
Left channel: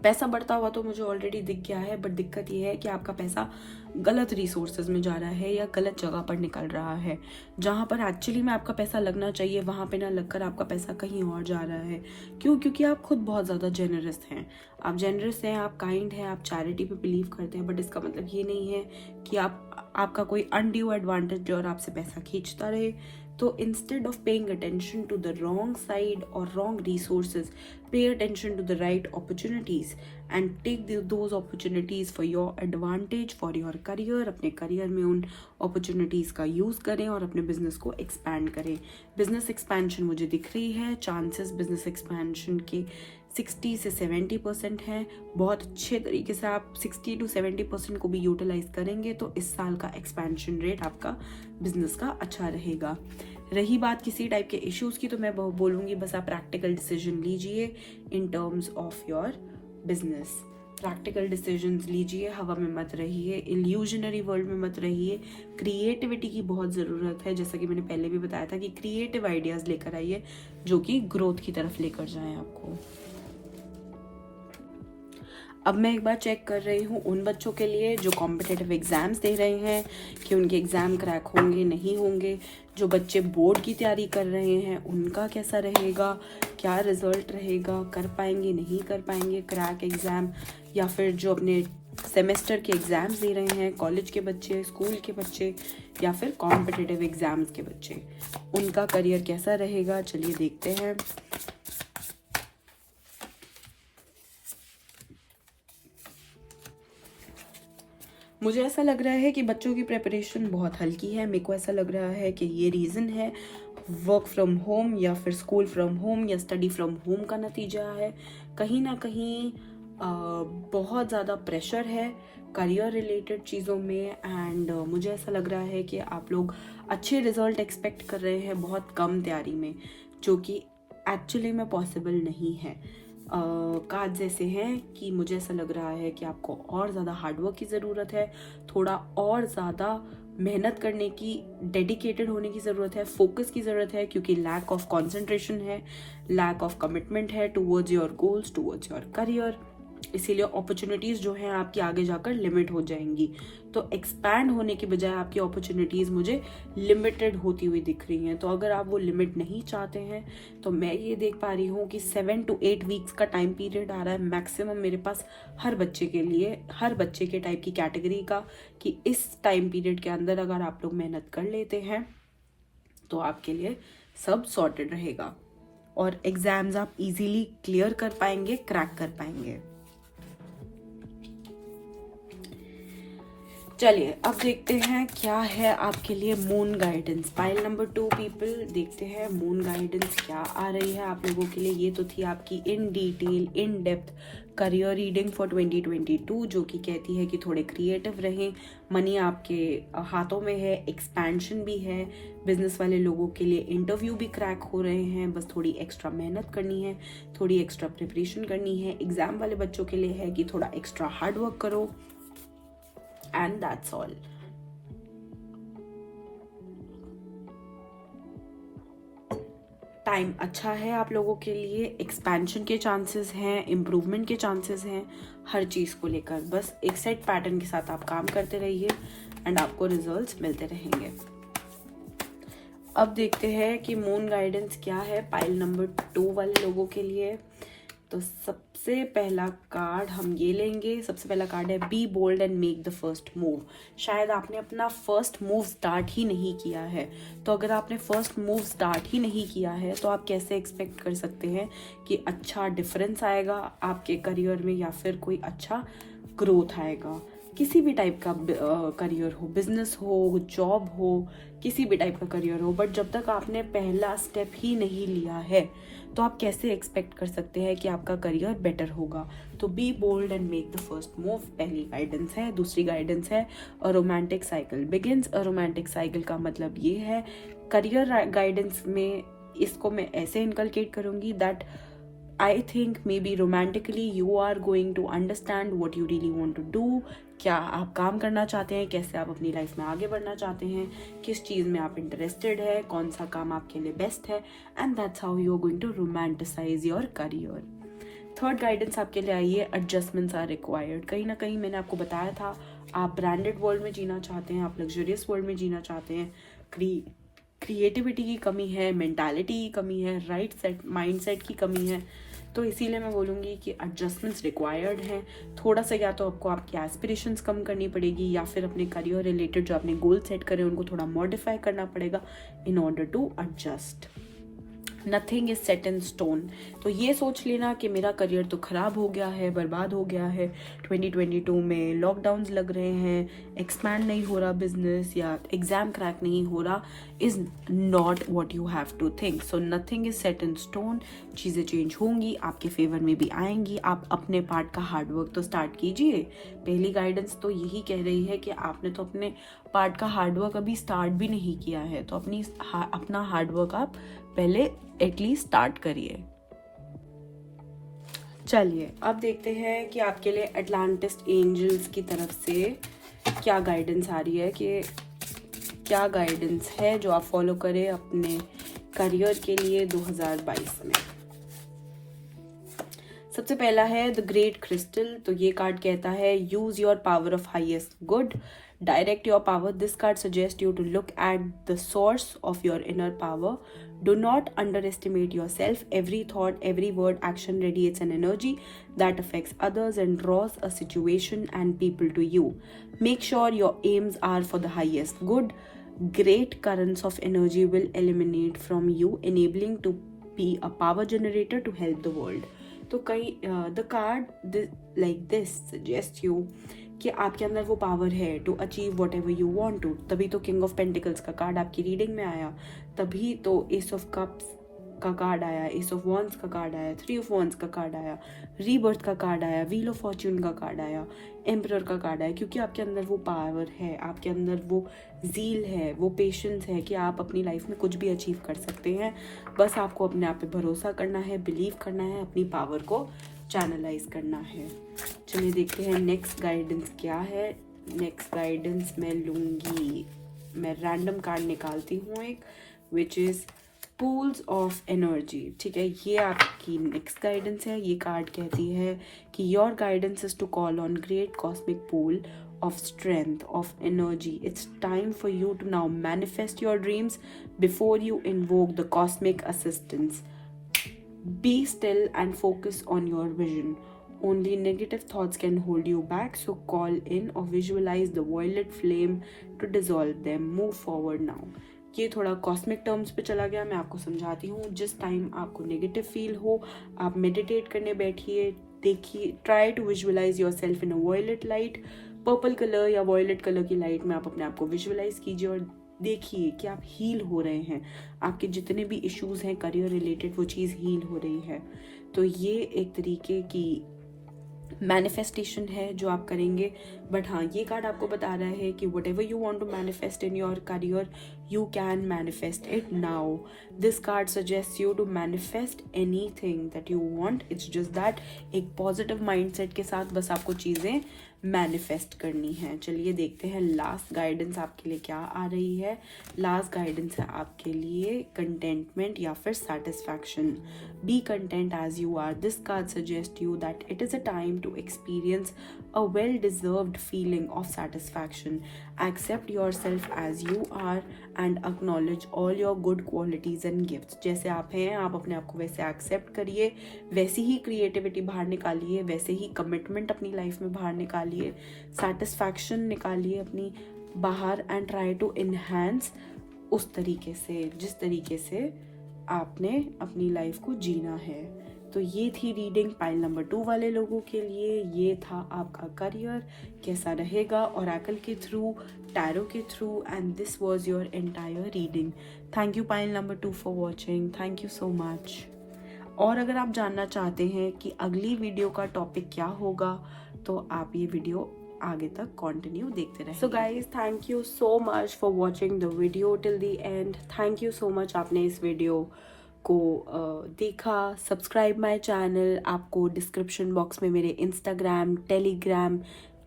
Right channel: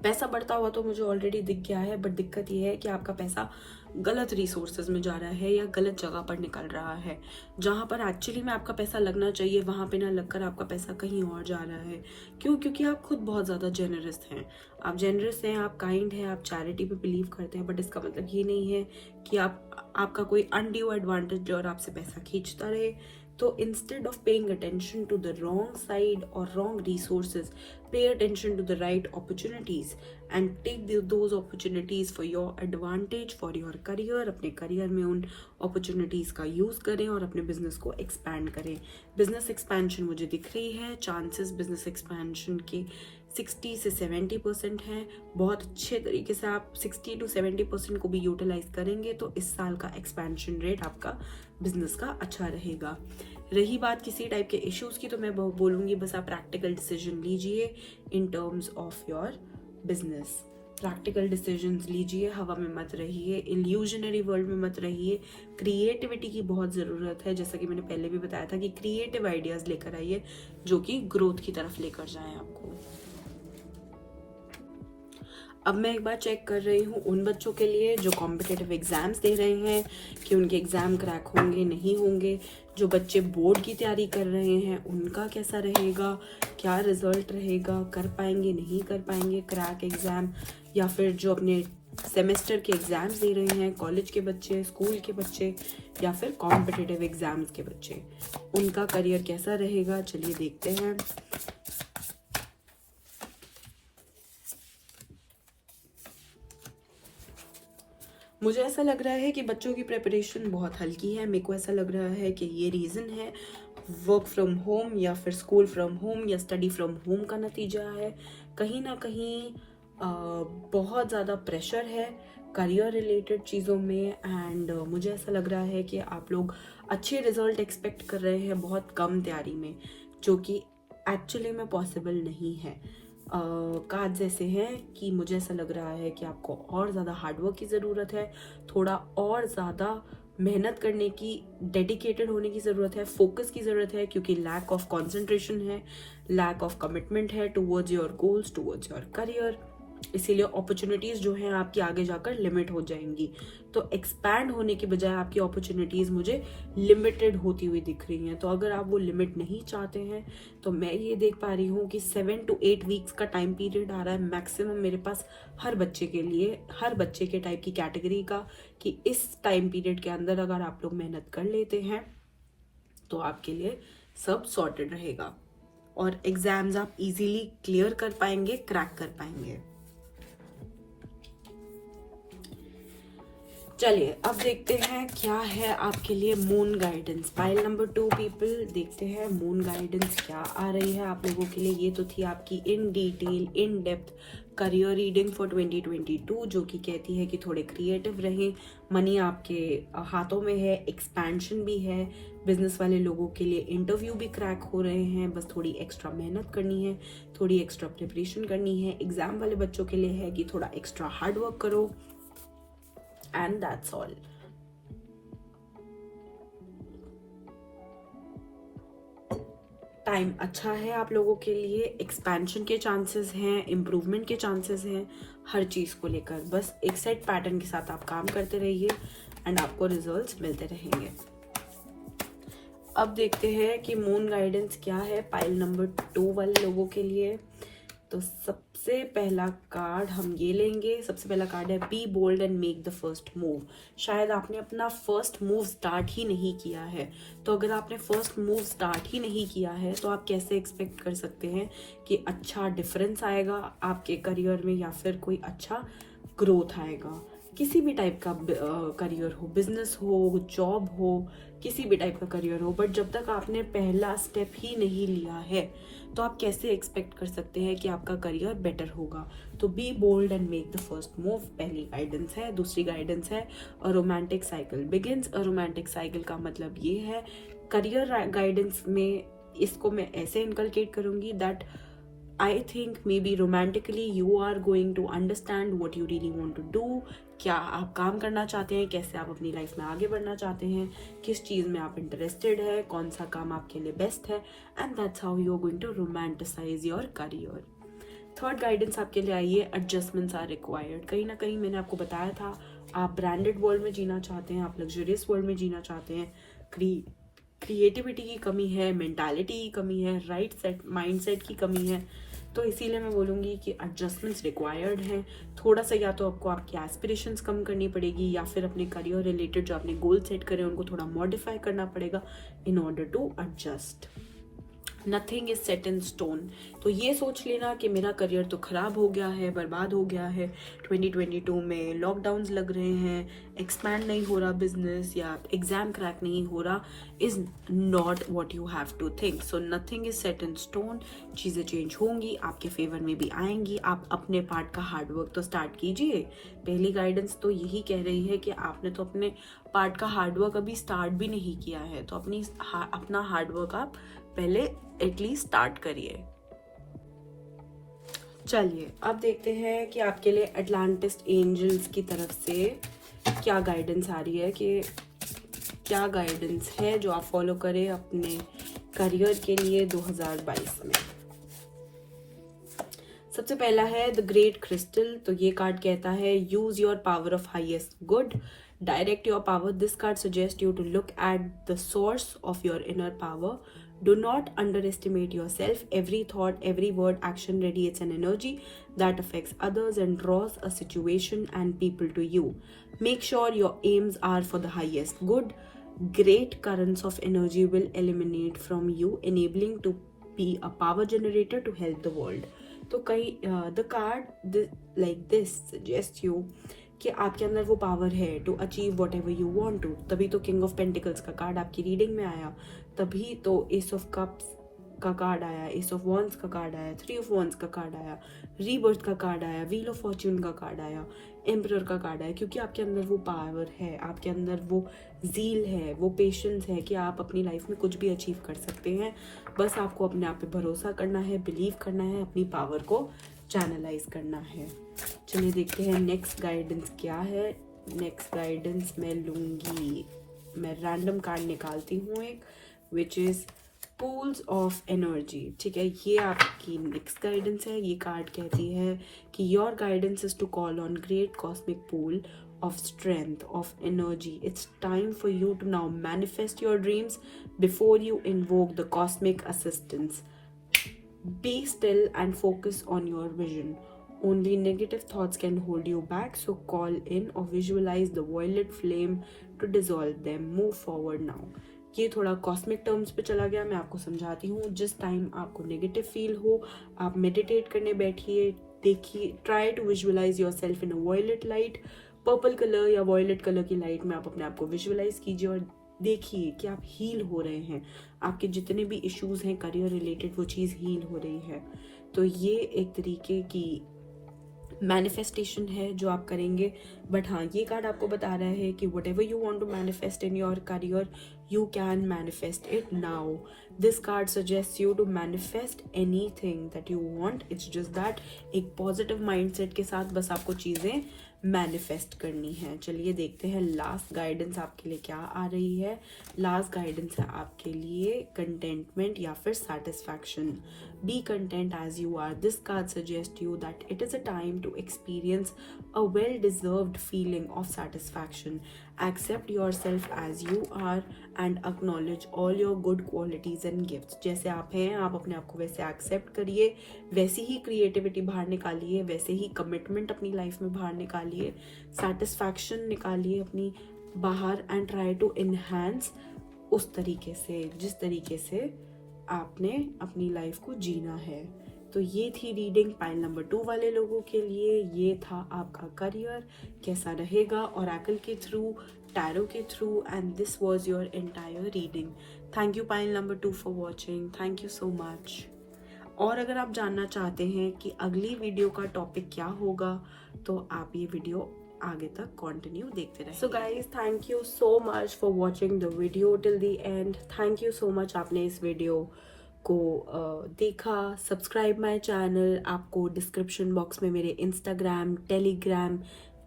पैसा बढ़ता हुआ तो मुझे ऑलरेडी दिख गया है, बट दिक्कत ये है कि आपका पैसा गलत रिसोर्सेज में जा रहा है या गलत जगह पर निकल रहा है। जहाँ पर एक्चुअली में आपका पैसा लगना चाहिए वहाँ पे ना लगकर आपका पैसा कहीं और जा रहा है। क्यों? क्योंकि आप खुद बहुत ज़्यादा जेनरस हैं, आप जेनरस हैं, आप काइंड हैं, आप चैरिटी पे बिलीव करते हैं, बट इसका मतलब ये नहीं है कि आपका कोई अनड्यू एडवांटेज और आपसे पैसा खींचता रहे। तो instead of paying attention to the wrong side or wrong resources, pay attention to the right opportunities and take those opportunities for your advantage, for your career। अपने करियर में उन opportunities का यूज़ करें और अपने बिजनेस को expand करें। Business expansion मुझे दिख रही है, चांसेस बिजनेस एक्सपेंशन के 60 से 70% है। बहुत अच्छे तरीके से आप 60 to 70% को भी यूटिलाइज करेंगे तो इस साल का एक्सपेंशन रेट आपका बिजनेस का अच्छा रहेगा। रही बात किसी टाइप के इश्यूज की, तो मैं बोलूँगी बस आप प्रैक्टिकल डिसीजन लीजिए in terms of your business. Practical decisions लीजिए, हवा में मत रहिए, इल्यूजनरी वर्ल्ड में मत रहिए। क्रिएटिविटी की बहुत ज़रूरत है, जैसा कि मैंने पहले भी बताया था कि क्रिएटिव आइडियाज़ लेकर आइए जो कि ग्रोथ की तरफ लेकर जाएं आपको। अब मैं एक बार चेक कर रही हूँ उन बच्चों के लिए जो कॉम्पिटिटिव एग्जाम्स दे रहे हैं कि उनके एग्ज़ाम क्रैक होंगे नहीं होंगे। जो बच्चे बोर्ड की तैयारी कर रहे हैं उनका कैसा रहेगा, क्या रिजल्ट रहेगा, कर पाएंगे नहीं कर पाएंगे क्रैक एग्ज़ाम, या फिर जो अपने सेमेस्टर के एग्ज़ाम्स दे रहे हैं, कॉलेज के बच्चे, स्कूल के बच्चे या फिर कॉम्पिटिटिव एग्ज़ाम्स के बच्चे, उनका करियर कैसा रहेगा। चलिए देखते हैं। मुझे ऐसा लग रहा है कि बच्चों की प्रिपरेशन बहुत हल्की है। मेरे को ऐसा लग रहा है कि ये रीज़न है वर्क फ्रॉम होम या फिर स्कूल फ्रॉम होम या स्टडी फ्रॉम होम का नतीजा है। कहीं ना कहीं बहुत ज़्यादा प्रेशर है करियर रिलेटेड चीज़ों में, एंड मुझे ऐसा लग रहा है कि आप लोग अच्छे रिजल्ट एक्सपेक्ट कर रहे हैं बहुत कम तैयारी में, जो कि एक्चुअली में पॉसिबल नहीं है। कार्ड्स ऐसे हैं कि मुझे ऐसा लग रहा है कि आपको और ज़्यादा हार्डवर्क की ज़रूरत है, थोड़ा और ज़्यादा मेहनत करने की, डेडिकेटेड होने की ज़रूरत है, फोकस की ज़रूरत है, क्योंकि लैक ऑफ कंसंट्रेशन है, लैक ऑफ कमिटमेंट है towards your goals, towards your career. इसीलिए अपॉर्चुनिटीज़ जो हैं आपकी आगे जाकर लिमिट हो जाएंगी। तो एक्सपैंड होने के बजाय आपकी अपॉर्चुनिटीज़ मुझे लिमिटेड होती हुई दिख रही हैं। तो अगर आप वो लिमिट नहीं चाहते हैं तो मैं ये देख पा रही हूँ कि 7 to 8 वीक्स का टाइम पीरियड आ रहा है मैक्सिमम मेरे पास हर बच्चे के लिए, हर बच्चे के टाइप की कैटेगरी का, कि इस टाइम पीरियड के अंदर अगर आप लोग मेहनत कर लेते हैं तो आपके लिए सब सॉर्टेड रहेगा और एग्जाम्स आप इजीली क्लियर कर पाएंगे, क्रैक कर पाएंगे। चलिए अब देखते हैं क्या है आपके लिए moon guidance. Pile number 2 people, देखते हैं मून गाइडेंस क्या आ रही है आप लोगों के लिए। ये तो थी आपकी in detail, in depth career reading for 2022, जो कि कहती है कि थोड़े क्रिएटिव रहें, मनी आपके हाथों में है, एक्सपेंशन भी है। बिजनेस वाले लोगों के लिए इंटरव्यू भी क्रैक हो रहे हैं, बस थोड़ी एक्स्ट्रा मेहनत करनी है, थोड़ी एक्स्ट्रा प्रिपरेशन करनी है। एग्जाम वाले बच्चों के लिए है कि थोड़ा एक्स्ट्रा हार्ड वर्क करो, and that's all। टाइम अच्छा है आप लोगों के लिए, एक्सपेंशन के चांसेस हैं, इम्प्रूवमेंट के चांसेस हैं, हर चीज को लेकर बस एक सेट पैटर्न के साथ आप काम करते रहिए एंड आपको रिजल्ट्स मिलते रहेंगे। अब देखते हैं कि मून गाइडेंस क्या है पाइल नंबर 2 वाले लोगों के लिए। तो सबसे पहला कार्ड हम ये लेंगे। सबसे पहला कार्ड है be bold and make the first move. शायद आपने अपना फर्स्ट मूव स्टार्ट ही नहीं किया है, तो अगर आपने फर्स्ट मूव स्टार्ट ही नहीं किया है तो आप कैसे एक्सपेक्ट कर सकते हैं कि अच्छा डिफरेंस आएगा आपके करियर में या फिर कोई अच्छा ग्रोथ आएगा। किसी भी टाइप का करियर हो, बिजनेस हो, जॉब हो, किसी भी टाइप का करियर हो, बट जब तक आपने पहला स्टेप ही नहीं लिया है तो आप कैसे एक्सपेक्ट कर सकते हैं कि आपका करियर बेटर होगा। तो be bold and make the first move पहली गाइडेंस है। दूसरी गाइडेंस है a romantic cycle begins. A romantic cycle का मतलब ये है, करियर गाइडेंस में इसको मैं ऐसे इनकलकेट करूंगी that I think maybe romantically you are going to understand what you really want to do। क्या आप काम करना चाहते हैं, कैसे आप अपनी लाइफ में आगे बढ़ना चाहते हैं, किस चीज़ में आप इंटरेस्टेड है, कौन सा काम आपके लिए बेस्ट है, and that's how you are going to romanticize your career. Third guidance आपके लिए आई है एडजस्टमेंट्स आर रिक्वायर्ड। कहीं ना कहीं मैंने आपको बताया था, आप ब्रांडेड वर्ल्ड में जीना चाहते हैं, आप लग्जरियस वर्ल्ड में जीना चाहते हैं, क्रिएटिविटी की कमी है, मेंटालिटी की कमी है, राइट सेट माइंडसेट की कमी है, तो इसीलिए मैं बोलूँगी कि एडजस्टमेंट्स रिक्वायर्ड हैं। थोड़ा सा या तो आपको आपकी एस्पिरेशंस कम करनी पड़ेगी या फिर अपने करियर रिलेटेड जो आपने गोल सेट करे उनको थोड़ा मॉडिफाई करना पड़ेगा in order to adjust. Nothing is set in stone. तो ये सोच लेना कि मेरा करियर तो खराब हो गया है, बर्बाद हो गया है, 2022 में लॉकडाउन्स लग रहे हैं, एक्सपैंड नहीं हो रहा बिजनेस या एग्जाम क्रैक नहीं हो रहा, is not what you have to think. So nothing is set in stone. चीज़ें चेंज होंगी, आपके फेवर में भी आएंगी। आप अपने पार्ट का हार्डवर्क तो स्टार्ट कीजिए। पहली गाइडेंस तो यही कह रही है कि आपने तो अपने पार्ट का हार्डवर्क अभी स्टार्ट भी नहीं किया है, तो अपना हार्डवर्क आप पहले एटलीस्ट स्टार्ट करिए। चलिए अब देखते हैं कि आपके लिए अटलांटिस्ट एंजल्स की तरफ से क्या गाइडेंस आ रही है, कि क्या गाइडेंस है जो आप फॉलो करें अपने करियर के लिए 2022 में। सबसे पहला है द ग्रेट क्रिस्टल। तो ये कार्ड कहता है use your power of highest good, direct your power. This card suggest you to look at the source of your inner power. Do not underestimate yourself. Every thought, every word, action radiates an energy that affects others and draws a situation and people to you. Make sure your aims are for the highest good. Great currents of energy will emanate from you, enabling to be a power generator to help the world. तो the card like this suggests you कि आपके अंदर वो power है to achieve whatever you want to. तभी तो king of pentacles का card आपकी रीडिंग में आया, तभी तो एस ऑफ कप्स का कार्ड आया, एस ऑफ वॉन्ड्स का कार्ड आया, थ्री ऑफ वॉन्ड्स का कार्ड आया, रीबर्थ का कार्ड आया, व्हील ऑफ फॉर्च्यून का कार्ड आया, एम्परर का कार्ड आया। क्योंकि आपके अंदर वो पावर है, आपके अंदर वो जील है, वो पेशेंस है कि आप अपनी लाइफ में कुछ भी अचीव कर सकते हैं। बस आपको अपने आप पे भरोसा करना है, बिलीव करना है, अपनी पावर को चैनलाइज करना है। चलिए देखते हैं नेक्स्ट गाइडेंस क्या है। नेक्स्ट गाइडेंस मैं लूंगी, मैं रैंडम कार्ड निकालती हूँ एक, which is pools of energy. ठीक है, ये आपकी नेक्स्ट गाइडेंस है। ये कार्ड कहती है कि your guidance is to call on great cosmic pool of strength, of energy. It's time for you to now manifest your dreams before you invoke the cosmic assistance. Be still and focus on your vision. Only negative thoughts can hold you back, so call in or visualize the violet flame to dissolve them. Move forward now. ये थोड़ा cosmic terms पे चला गया, मैं आपको समझाती हूँ। जिस टाइम आपको नेगेटिव फील हो, आप मेडिटेट करने बैठिए, देखिए, try to visualize yourself in a violet light, purple colour या वॉयलेट कलर की लाइट में आप अपने आप को विजुअलाइज कीजिए और देखिए कि आप हील हो रहे हैं। आपके जितने भी इश्यूज हैं करियर रिलेटेड, वो चीज़ हील हो रही है। तो ये एक तरीके की मैनिफेस्टेशन है जो आप करेंगे। बट हाँ, ये कार्ड आपको बता रहा है कि whatever you want to manifest in your career, you can manifest it now. This card suggests you to manifest anything that you want. It's just that एक positive mindset के साथ बस आपको चीज़ें मैनिफेस्ट करनी है। चलिए देखते हैं लास्ट गाइडेंस आपके लिए क्या आ रही है। लास्ट गाइडेंस है आपके लिए कंटेंटमेंट या फिर satisfaction. Be content as you are. This card suggest you that it is a time to experience a well deserved feeling of satisfaction accept yourself as you are and acknowledge all your good qualities and gifts. जैसे आप हैं आप अपने आप को वैसे accept करिए, वैसी ही क्रिएटिविटी बाहर निकालिए, वैसे ही कमिटमेंट अपनी लाइफ में बाहर निकालिए, सेटिस्फैक्शन निकालिए अपनी बाहर एंड ट्राई टू इनहेंस उस तरीके से जिस तरीके से आपने अपनी लाइफ को जीना है। तो ये थी रीडिंग पाइल नंबर 2 वाले लोगों के लिए। ये था आपका करियर कैसा रहेगा ओरेकल के थ्रू, टैरो के through, and this was your entire reading. Thank you pile number 2 for watching, thank you so much. और अगर आप जानना चाहते हैं कि अगली वीडियो का टॉपिक क्या होगा तो आप ये वीडियो आगे तक कंटिन्यू देखते रहें। So guys thank you so much for watching the video till the end. Thank you so much आपने इस वीडियो को देखा। Subscribe my channel. आपको डिस्क्रिप्शन बॉक्स में मेरे इंस्टाग्राम, टेलीग्राम,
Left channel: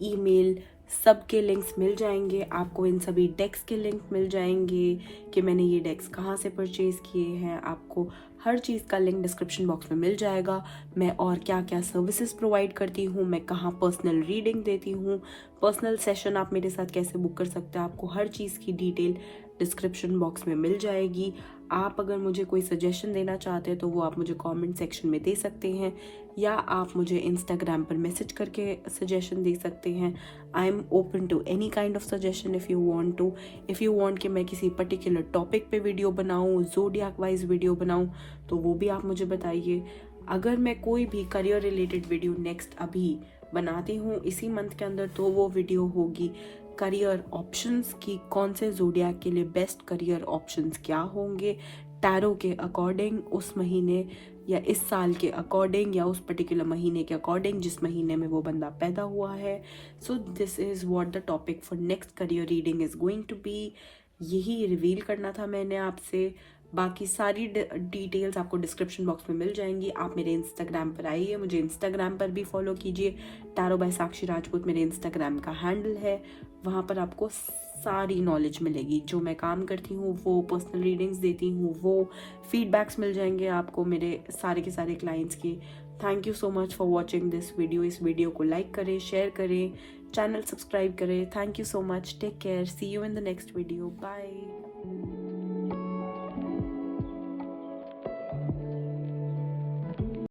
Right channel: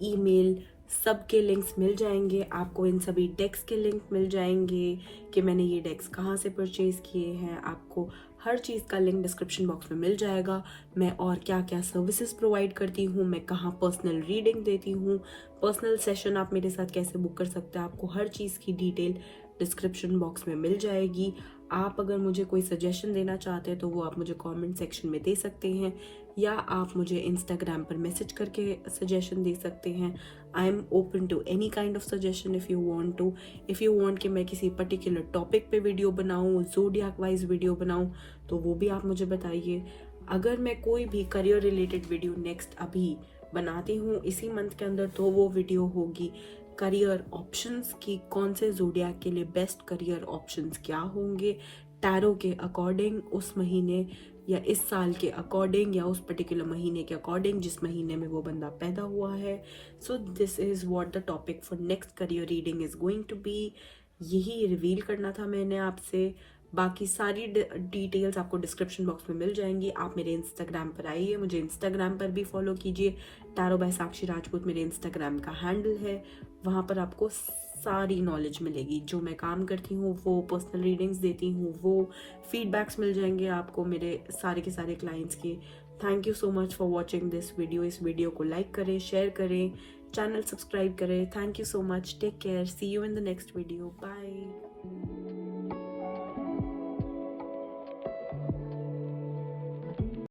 ईमेल सबके लिंक्स मिल जाएंगे। आपको इन सभी डेक्स के लिंक मिल जाएंगे कि मैंने ये डेक्स कहाँ से परचेज किए हैं। आपको हर चीज़ का लिंक डिस्क्रिप्शन बॉक्स में मिल जाएगा। मैं और क्या क्या सर्विसेज प्रोवाइड करती हूँ, मैं कहाँ पर्सनल रीडिंग देती हूँ, पर्सनल सेशन आप मेरे साथ कैसे बुक कर सकते हैं, आपको हर चीज़ की डिटेल डिस्क्रिप्शन बॉक्स में मिल जाएगी। आप अगर मुझे कोई सजेशन देना चाहते हैं तो वो आप मुझे कमेंट सेक्शन में दे सकते हैं या आप मुझे इंस्टाग्राम पर मैसेज करके सजेशन दे सकते हैं। I am open to any kind of suggestion if you want कि मैं किसी पर्टिकुलर टॉपिक पे वीडियो बनाऊँ, ज़ोडिएक वाइज वीडियो बनाऊँ, तो वो भी आप मुझे बताइए। अगर मैं कोई भी करियर रिलेटेड वीडियो नेक्स्ट अभी बनाती हूँ इसी मंथ के अंदर तो वो वीडियो होगी करियर ऑप्शंस की, कौन से ज़ोडिएक के लिए बेस्ट करियर ऑप्शंस क्या होंगे टैरो के अकॉर्डिंग, उस महीने या इस साल के अकॉर्डिंग या उस पर्टिकुलर महीने के अकॉर्डिंग जिस महीने में वो बंदा पैदा हुआ है। So this is what the topic for next career reading is going to be. यही रिवील करना था मैंने आपसे। बाकी सारी डिटेल्स आपको डिस्क्रिप्शन बॉक्स में मिल जाएंगी। आप मेरे इंस्टाग्राम पर आइए, मुझे इंस्टाग्राम पर भी फॉलो कीजिए। टैरो बाय साक्षी राजपूत मेरे इंस्टाग्राम का हैंडल है। वहाँ पर आपको सारी नॉलेज मिलेगी। जो मैं काम करती हूँ वो पर्सनल रीडिंग्स देती हूँ, वो फीडबैक्स मिल जाएंगे आपको मेरे सारे के सारे क्लाइंट्स के। Thank you so much for watching this video. इस वीडियो को लाइक करें, शेयर करें, चैनल सब्सक्राइब करें। Thank you so much, take care, see you in the next video, bye.